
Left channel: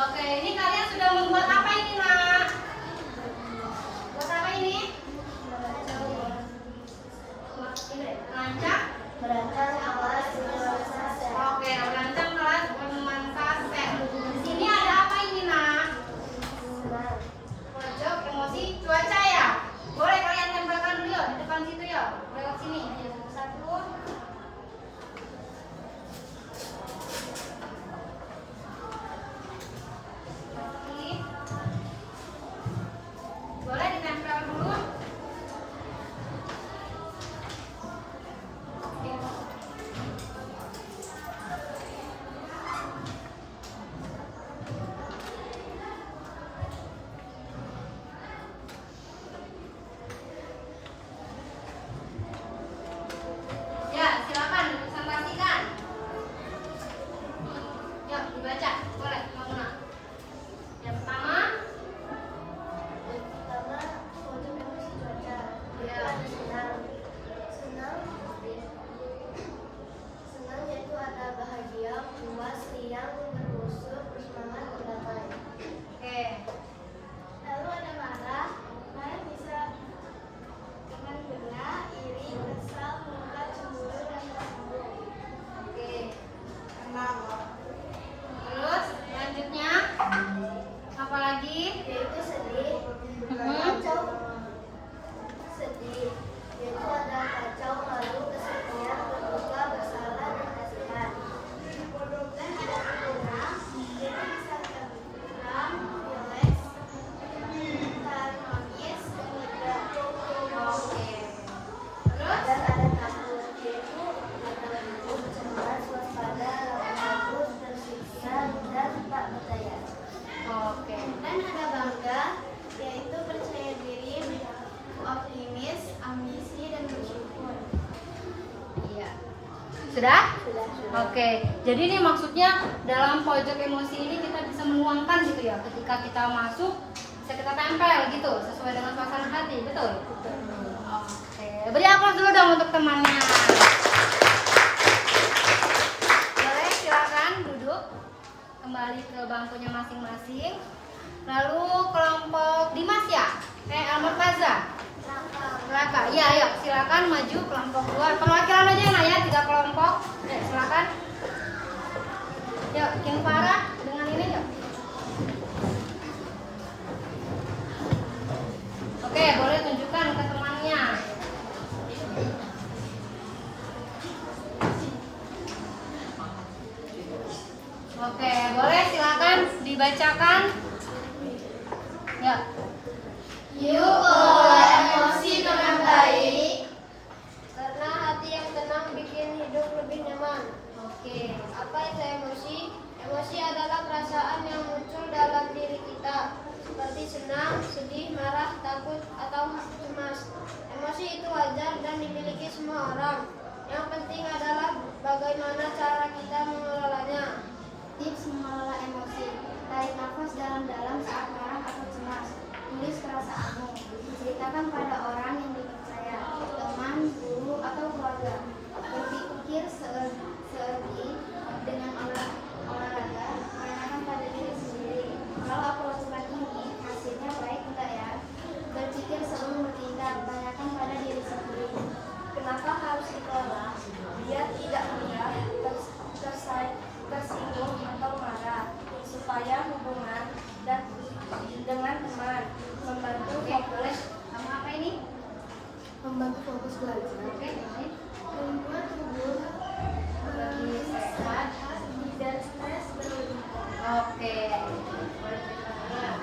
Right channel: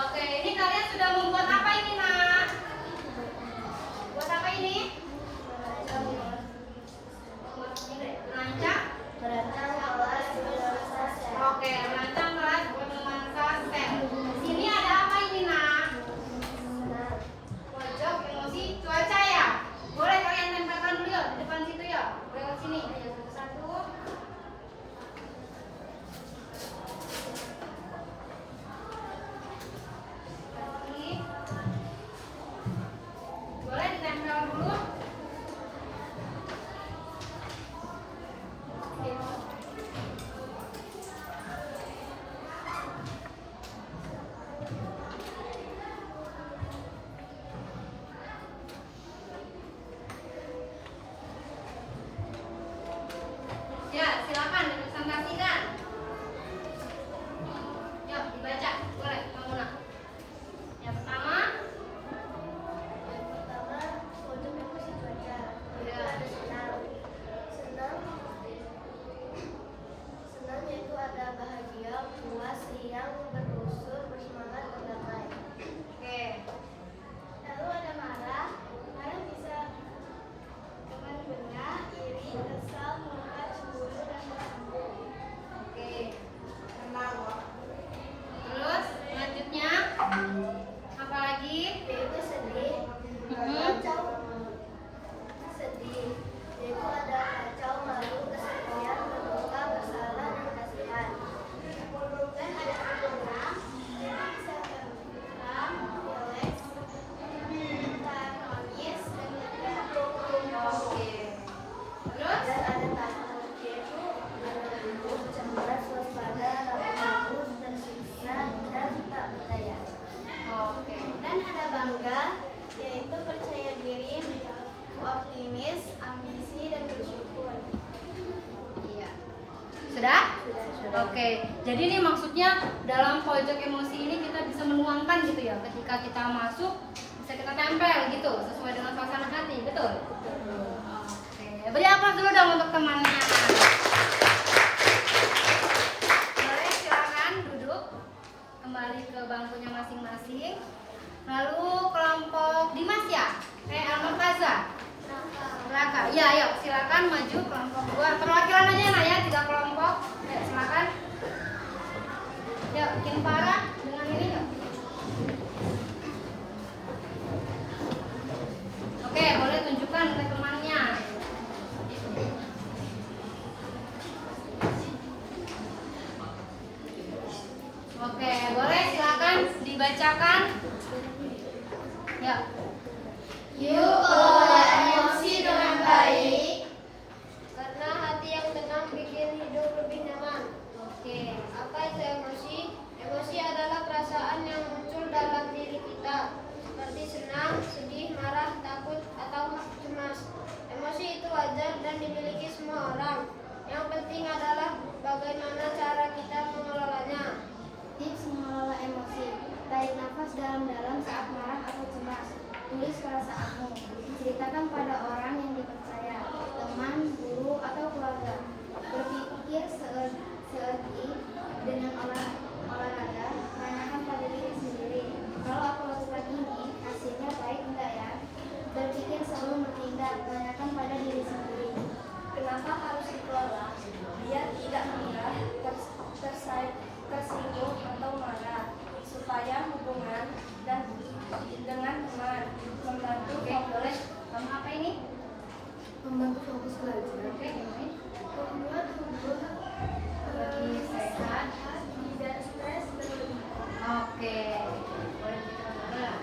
Oke, ini kalian sudah membuat apa ini, Nak? Buat apa ini? Merancang? Oke, merancang kelas bernuansa sel. Di sini ada apa ini, Nak? Pojok emosi cuaca ya? Boleh kalian tempelkan dulu ya, di depan situ ya. Belok sini. 1. Boleh ditempel dulu. Ya, silakan presentasikan. Yuk, dibaca. Boleh, kamu Nak. Yang pertama, pojok emosi cuaca. ya. Ada senang yaitu ada bahagia, puas, riang, berusur, bersemangat, berdamai. Oke. Lalu ada marah bisa dengan benar, iri, kesal, murka, cemburu, dan tersinggung. Oke. Terus selanjutnya apa lagi? Yaitu sedih, sedih, yaitu ada kacau, malu, kesepian, berduka, bersalah, dan kasihan. Dan ada tenang, yaitu bisa tenang, rileks, harmonis, dan lega. Oke. Terus Dan ada takut, yaitu ada gugup, cemas, waspada, ragu-ragu, tersiksa, dan tak berdaya. oke. Dan ada bangga, yaitu percaya diri, optimis, ambisi, dan bersyukur. Iya. Sudah? Oke. Jadi ini maksudnya dalam pojok emosi ini kita bisa menuangkan gitu ya. Ketika kita masuk bisa kita tempel gitu sesuai dengan suasana hati, betul? Betul. Oke. Beri aplaus dulu dong untuk temannya. Boleh silakan duduk kembali ke bangkunya masing-masing. Lalu kelompok Dimas ya? Al-Murtaza. Raka. Iya, ya, silakan maju kelompok 2. Perwakilan aja Nak ya, 3 kelompok. Ya, silakan. Ya, bikin Farah dengan ini ya. Oke, boleh tunjukkan ke temannya. Oke, boleh silakan dibacakan. Ya. Yuk kelola emosi dengan baik, karena hati yang tenang bikin hidup lebih nyaman. Oke. Apa itu emosi? Emosi adalah perasaan yang muncul dalam diri kita, seperti senang, sedih, marah, takut, atau cemas. Emosi itu wajar dan dimiliki semua orang. Yang penting adalah bagaimana cara kita mengelolanya. Tips mengelola emosi. tarik nafas dalam-dalam saat marah atau cemas. Tulis perasaanmu. Ceritakan pada orang yang dipercaya, teman, guru, atau keluarga. Berpikir seerti dengan olahraga, tanyakan pada diri sendiri. Kalau aku lakukan ini, hasilnya baik enggak ya? Berpikir sebelum bertindak, tanyakan pada diri sendiri. Kenapa harus dikelola? Biar tidak mudah tersinggung atau marah, supaya hubungan dan dengan teman membantu fokus. Kamu apa ini? Membantu fokus belajar. Oke, ini. Membuat tubuh Lebih sehat. tidak stres berlebihan. Oke. Boleh dijelaskan?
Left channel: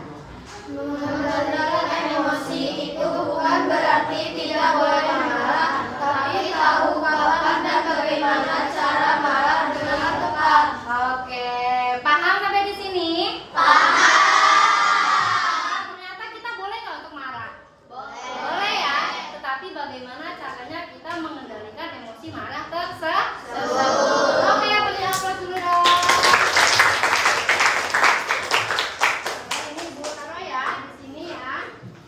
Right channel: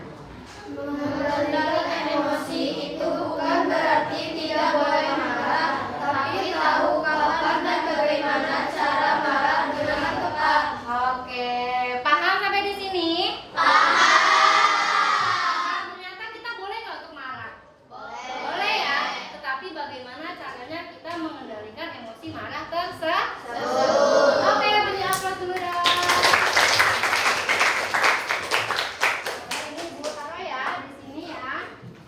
Mengendalikan emosi itu bukan berarti tidak boleh marah, tapi tahu kapan dan bagaimana cara marah dengan tepat. Oke, paham sampai di sini? Paham. Ternyata kita boleh nggak untuk marah? Boleh ya. Tetapi bagaimana caranya kita mengendalikan emosi marah tersebut? Oke, beri aplaus dulu dong. Ini Bu taruh ya di sini ya.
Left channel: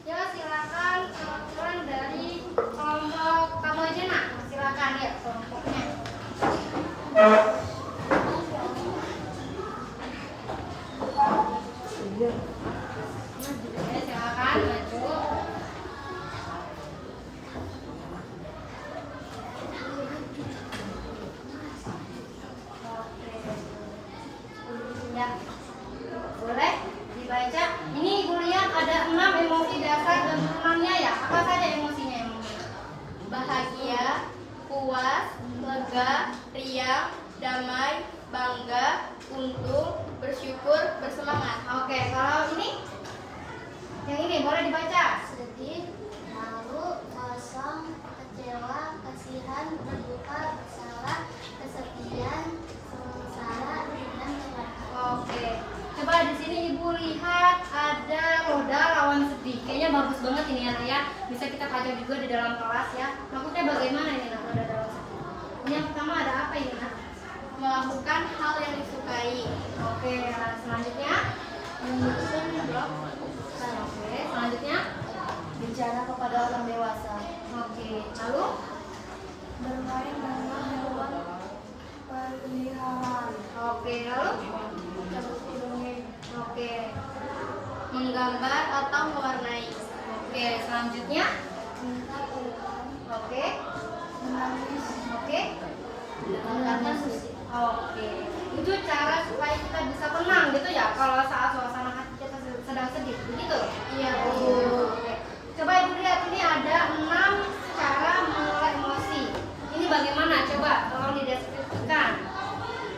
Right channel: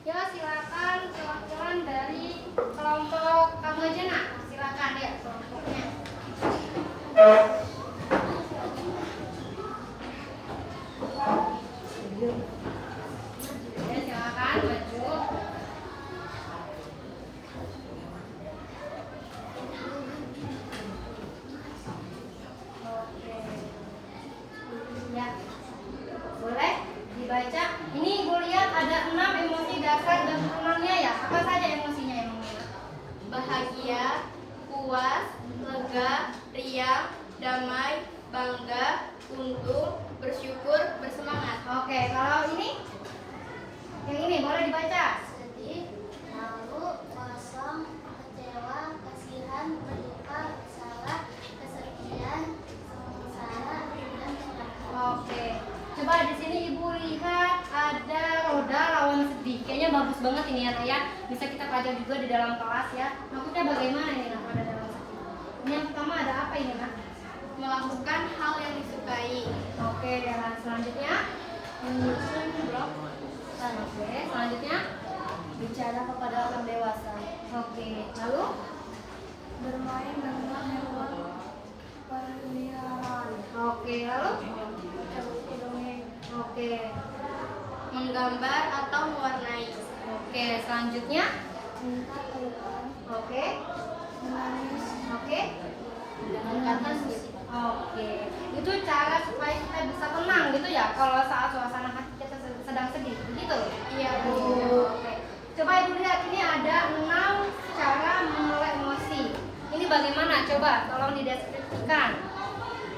Ya silakan perwakilan dari kelompok kamu aja nak. Silakan ya kelompoknya. Ya, silakan maju. Oke. Ya. Boleh dibaca. Ini Ibu lihat ada 6 emosi dasar dan turunannya ya. Apa saja emosinya emangnya? Bahagia, puas, lega, riang, damai, bangga, untung, bersyukur, bersemangat. Oke, kalau ini? Yang ini boleh dibaca. Sedih, malu, kosong, kecewa, kasihan, berduka, bersalah, kesepian, sengsara, dan celaka. Oke. Coba di sini Ibu lihat ada roda lawan sedih. Kayaknya bagus banget ini anak ya. Bisa kita pelajari juga di dalam kelas ya. Maksudnya bagaimana ini nak roda lawan sedih? Ini yang pertama ada apa ini nak? Melakukan hal yang disukai. Oke, yang selanjutnya Menyusun blog. Oke, selanjutnya Bicara kepada orang dewasa. Oke, lalu Bermain dengan hewan peliharaan. Oke, lalu Oke, Menggambar atau mewarnai. oke, selanjutnya Minta pelukan. Oke, Menangis. oke, Mendengarkan musik. oke. Itu cara supaya kita bisa tenang gitu ya. Kalau saat suasana hati kita sedang sedih, begitu? Iya, Bu. Oke. Coba Ibu lihat ini ada 6 cara mengelola emosi. Ini bagaimana? Coba tolong dideskripsikan.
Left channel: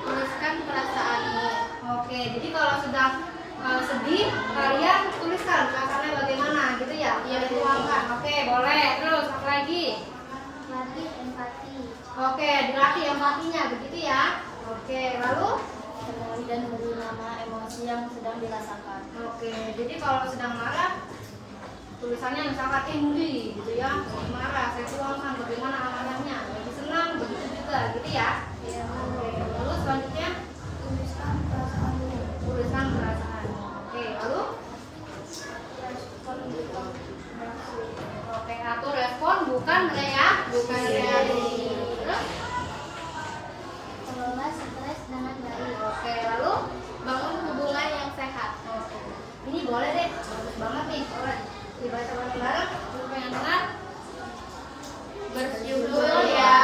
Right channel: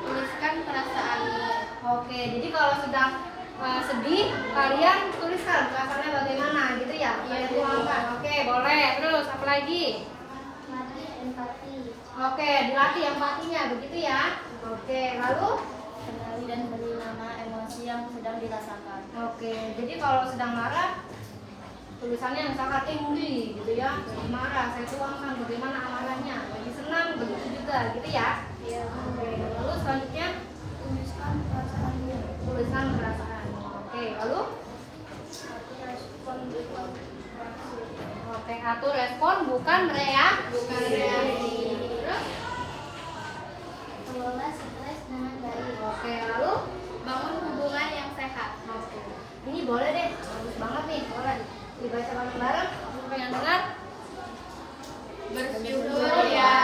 Tuliskan perasaanmu. Oke, jadi kalau sedang sedih, kalian tuliskan perasaannya bagaimana gitu ya? Iya, Bu. Tuangkan. Oke, boleh. Terus apa lagi? Latih empati. Oke, dilatih empatinya begitu ya. Oke, lalu Kenali dan beri nama emosi yang sedang dirasakan. oke, jadi kalau sedang marah tulisannya misalkan angry gitu ya, marah, saya tuangkan bagaimana amarahnya, lagi senang begitu juga gitu ya. Iya, Oke, lalu selanjutnya Tuliskan perasaanmu. tuliskan perasaan. Oke, lalu Respon bukan maksud. oke, atur respon bukan reaksi. Terus Kelola stres dengan baik. oke, lalu Bangun hubungan yang sehat. oke, ini boleh deh, bagus banget nih, boleh dibaca bareng-bareng. Siapa yang dengar? Bersyukur ya,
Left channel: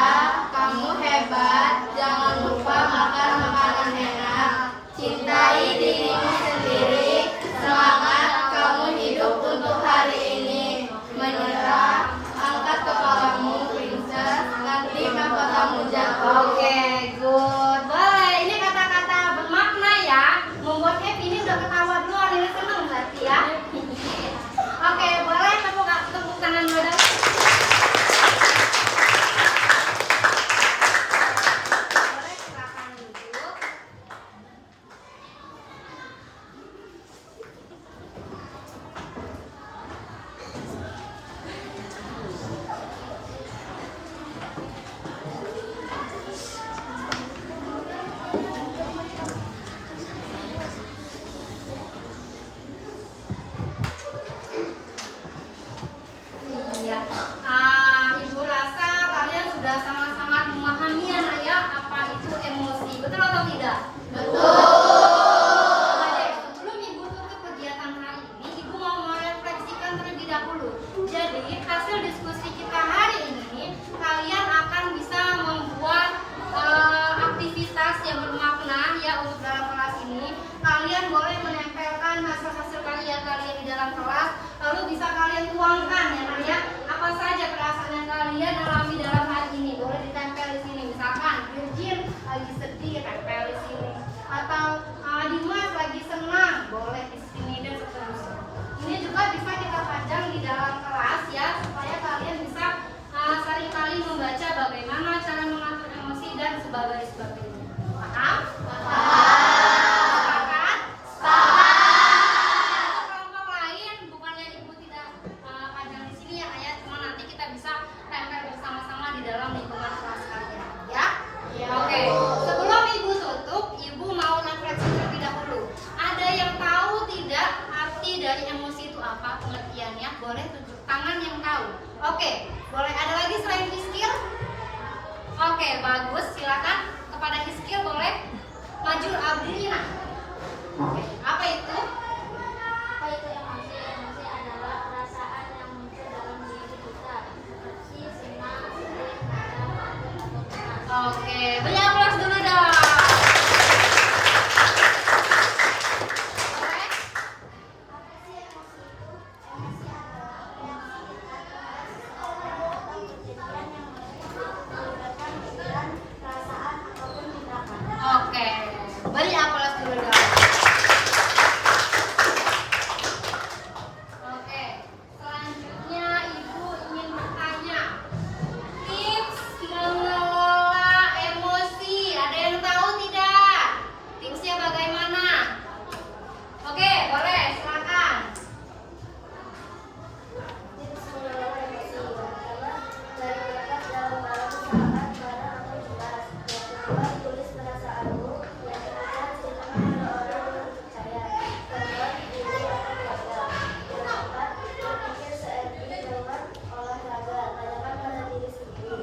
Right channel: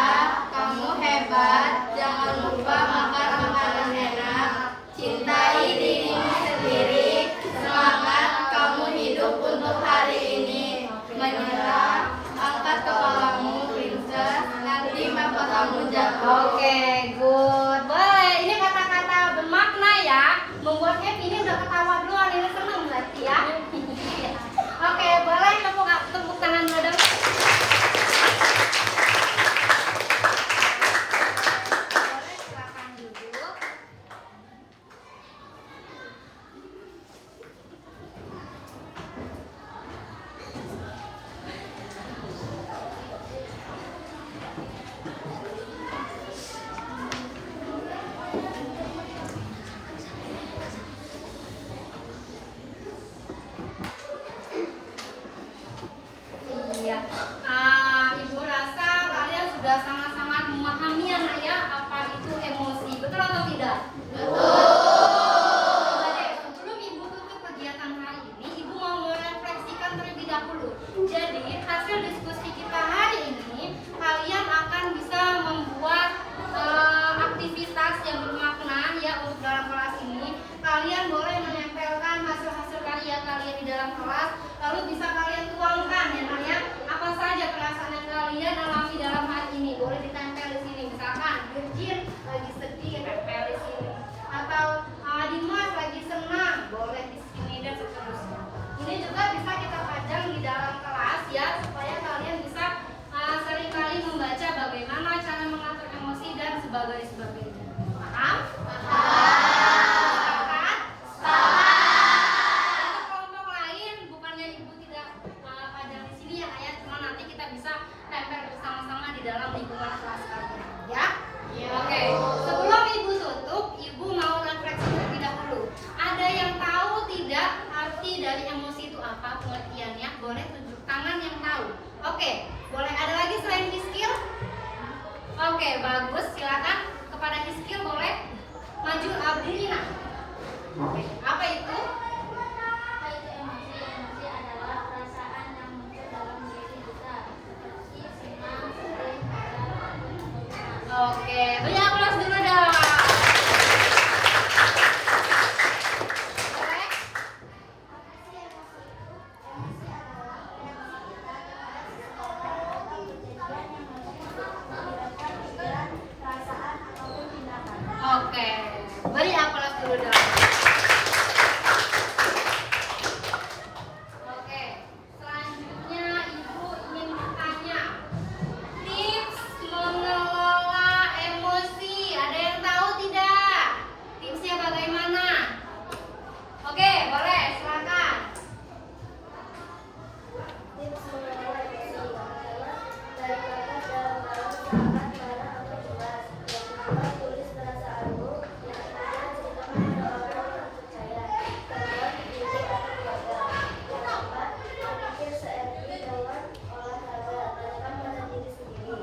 kamu hebat. Jangan lupa makan makanan enak. Cintai dirimu sendiri. Semangat, kamu hidup untuk hari ini. Menyerah, angkat kepalamu, princess. Nanti mahkotamu jatuh. Oke, good. Boleh. Ini kata-kata bermakna ya. Membuat Ev ini udah ketawa duluan. Ini seneng berarti ya. Oke, boleh tepuk tangan dulu dong. Jadi hasil diskusi kita hari ini, kalian akan bisa membuat aktivitas yang bermakna ya untuk dalam kelas ini. Kalian boleh menempelkan hasil-hasil karya kalian di dalam kelas, lalu bisa kalian tuangkan ya, apa saja perasaan yang kalian alami dalam hari ini. Boleh ditempel di sini, misalkan Virgin lagi sedih, tempel di sini, atau Dimas lagi senang, boleh di sini dan seterusnya. Ini juga bisa kita pajang di dalam kelas ya, supaya kalian bisa seringkali membaca bagaimana cara mengatur emosi dan sebagainya. Paham? Sepakat? Untuk kelompok lain, bukannya ibu tidak pajang di sini ya ayah, cuma nanti kita bisa tempel bersama-sama di dalam lingkungan kelas kalian, ya? Oke. Sebelum ibu tutup, ibu mau refleksi terlebih dahulu. Ada yang tahu tidak arti dari emosi itu apa, pengertiannya? Boleh tunjuk tangan yang tahu. Oke. Boleh ada lagi selain Hiskil? Oke, bagus. Silakan kepada Hiskil boleh maju Abdilina. Oke, apa itu? Apa itu emosi? Emosi adalah perasaan yang muncul dalam diri kita, seperti senang, sedih, marah, takut, atau cemas. Oke, beri aplaus dulu dong. Boleh? Apa sih emosi itu? Emosi adalah reaksi kita terhadap sesuatu atau kejadian yang melibatkan pikiran, perasaan, ataupun tindakan. Oke, beri aplaus dulu dong. Oke, selanjutnya ibu ingin bertanya, tips mengelola emosi. Ada yang tahu tidak? Tipsnya bagaimana? Oke, boleh, silakan. Tips mengelola emosi. Pertama, cari batas dalam saat marah atau cemas. Yang kedua, tulis perasaanmu. Yang ketiga, ceritakan pada orang yang percaya. Kedua, ibu atau keluarga. Yang keempat, berpikir seiring dengan olahraga. Tanyakan pada diri sendiri,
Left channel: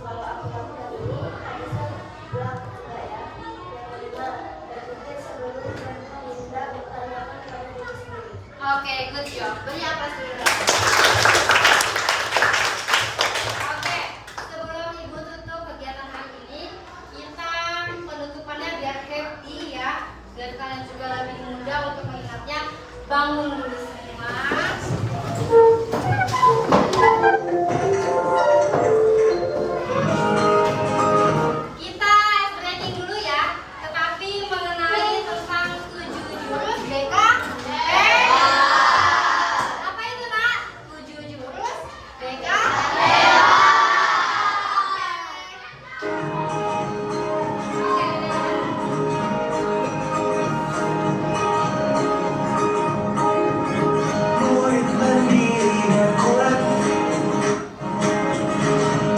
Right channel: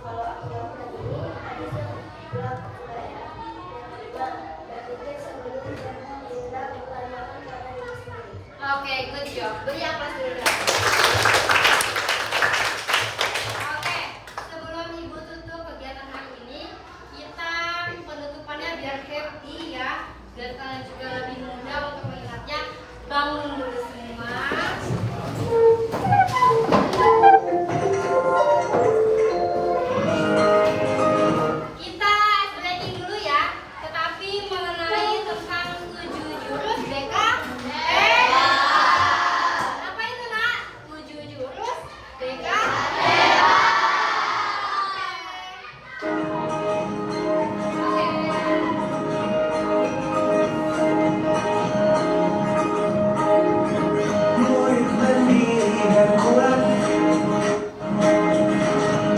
kalau aku lakukan ini, bisa bilang coba ya. Yang kelima, berpikir sebelum bertindak. Tanyakan pada diri sendiri. Oke, good job. Beri aplaus dulu dong. Oke, sebelum ibu tutup kegiatan hari ini, kita penutupannya biar happy ya, biar kalian juga lebih mudah untuk mengingatnya. Bangun dulu semua. Kita ice breaking dulu ya, tetapi mengenai tentang 7 jurus BK. Apa itu nak? 7 jurus BK. Murid berdiri dan kuat,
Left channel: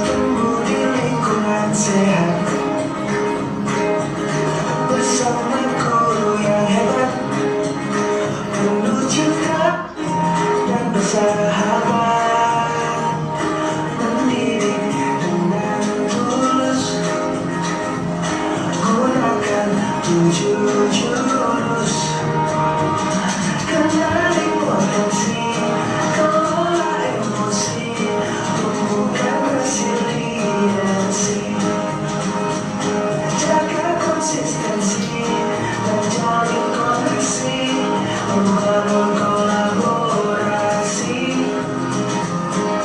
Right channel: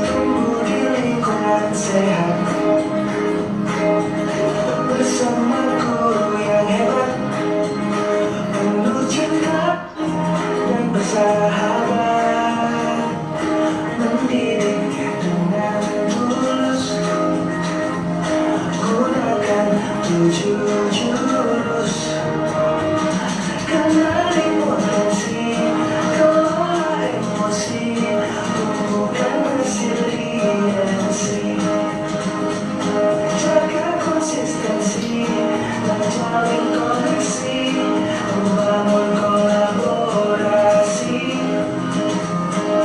tumbuh di lingkungan sehat, bersama guru yang hebat, penuh cinta dan bersahabat, mendidik dengan tulus, gunakan 7 jurus. Kenali potensi, kelola emosi, tumbuhkan resiliensi, jaga konsistensi, menjalin koneksi, membangun kolaborasi,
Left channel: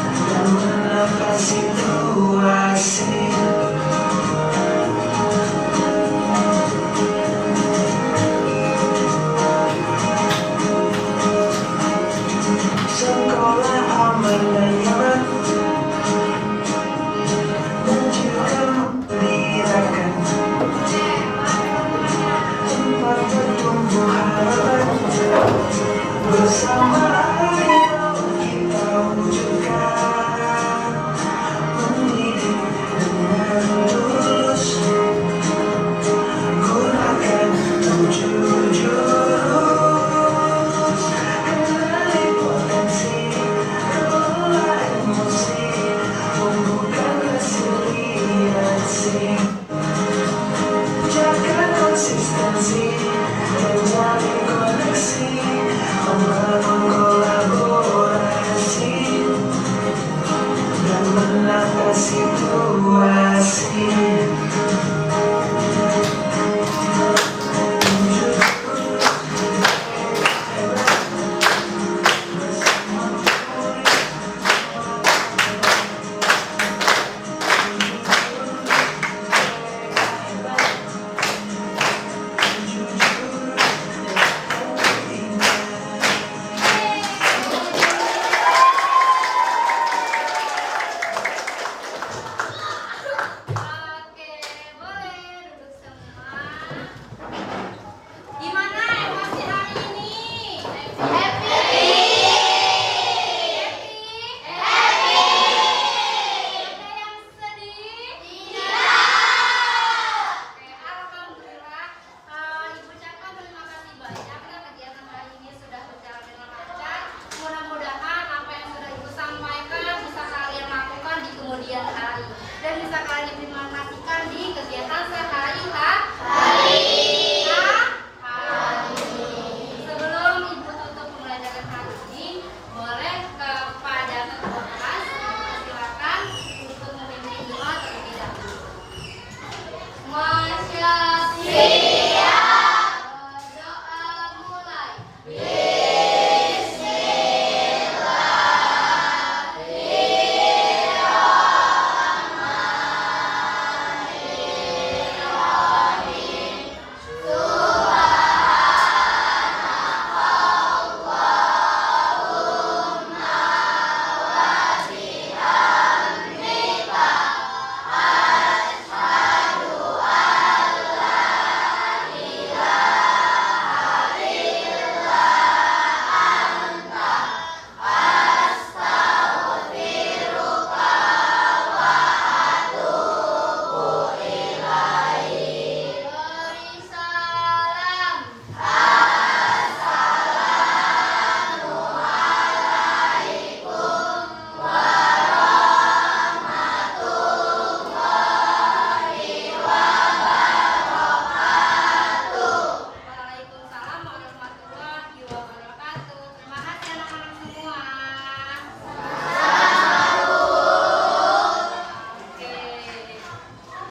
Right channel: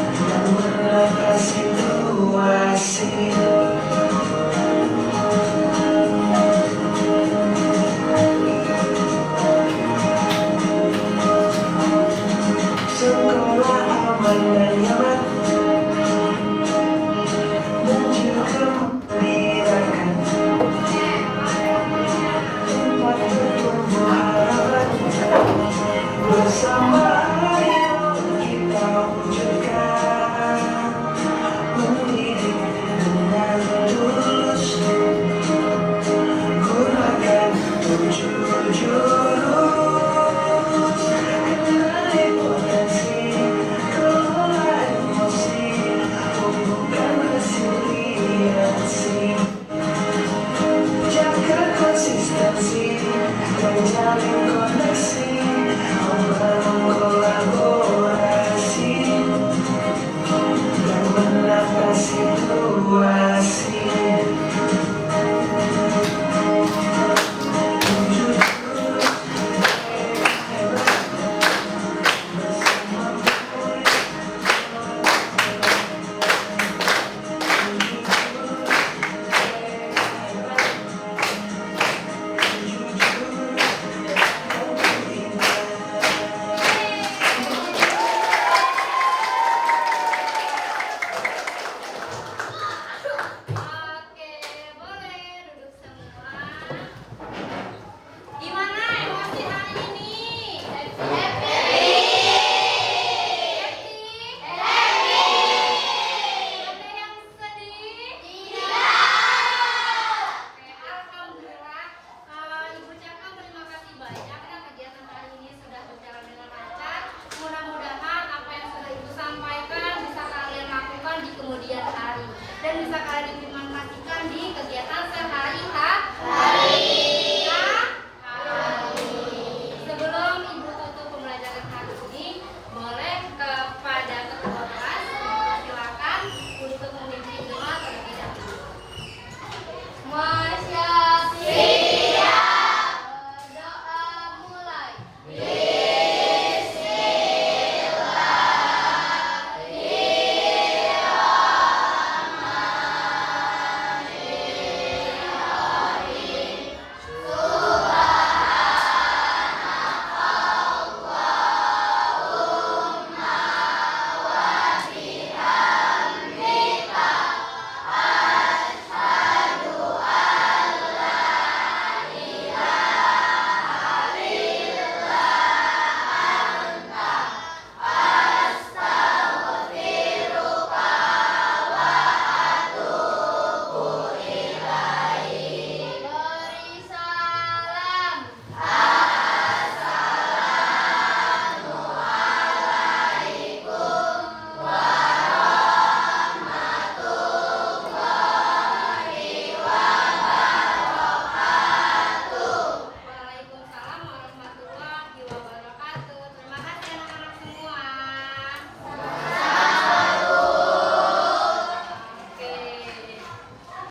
dan menata situasi. Sekolah aman dan nyaman, dan juga membirakan, tempat bertumbuh harapan. Bersama ayo kita wujudkan, mendidik dengan tulus, gunakan 7 jurus. Kenali potensi, kelola emosi, tumbuhkan resiliensi, jaga konsistensi, menjalin koneksi, membangun dan bisa kalian implementasikan di kegiatan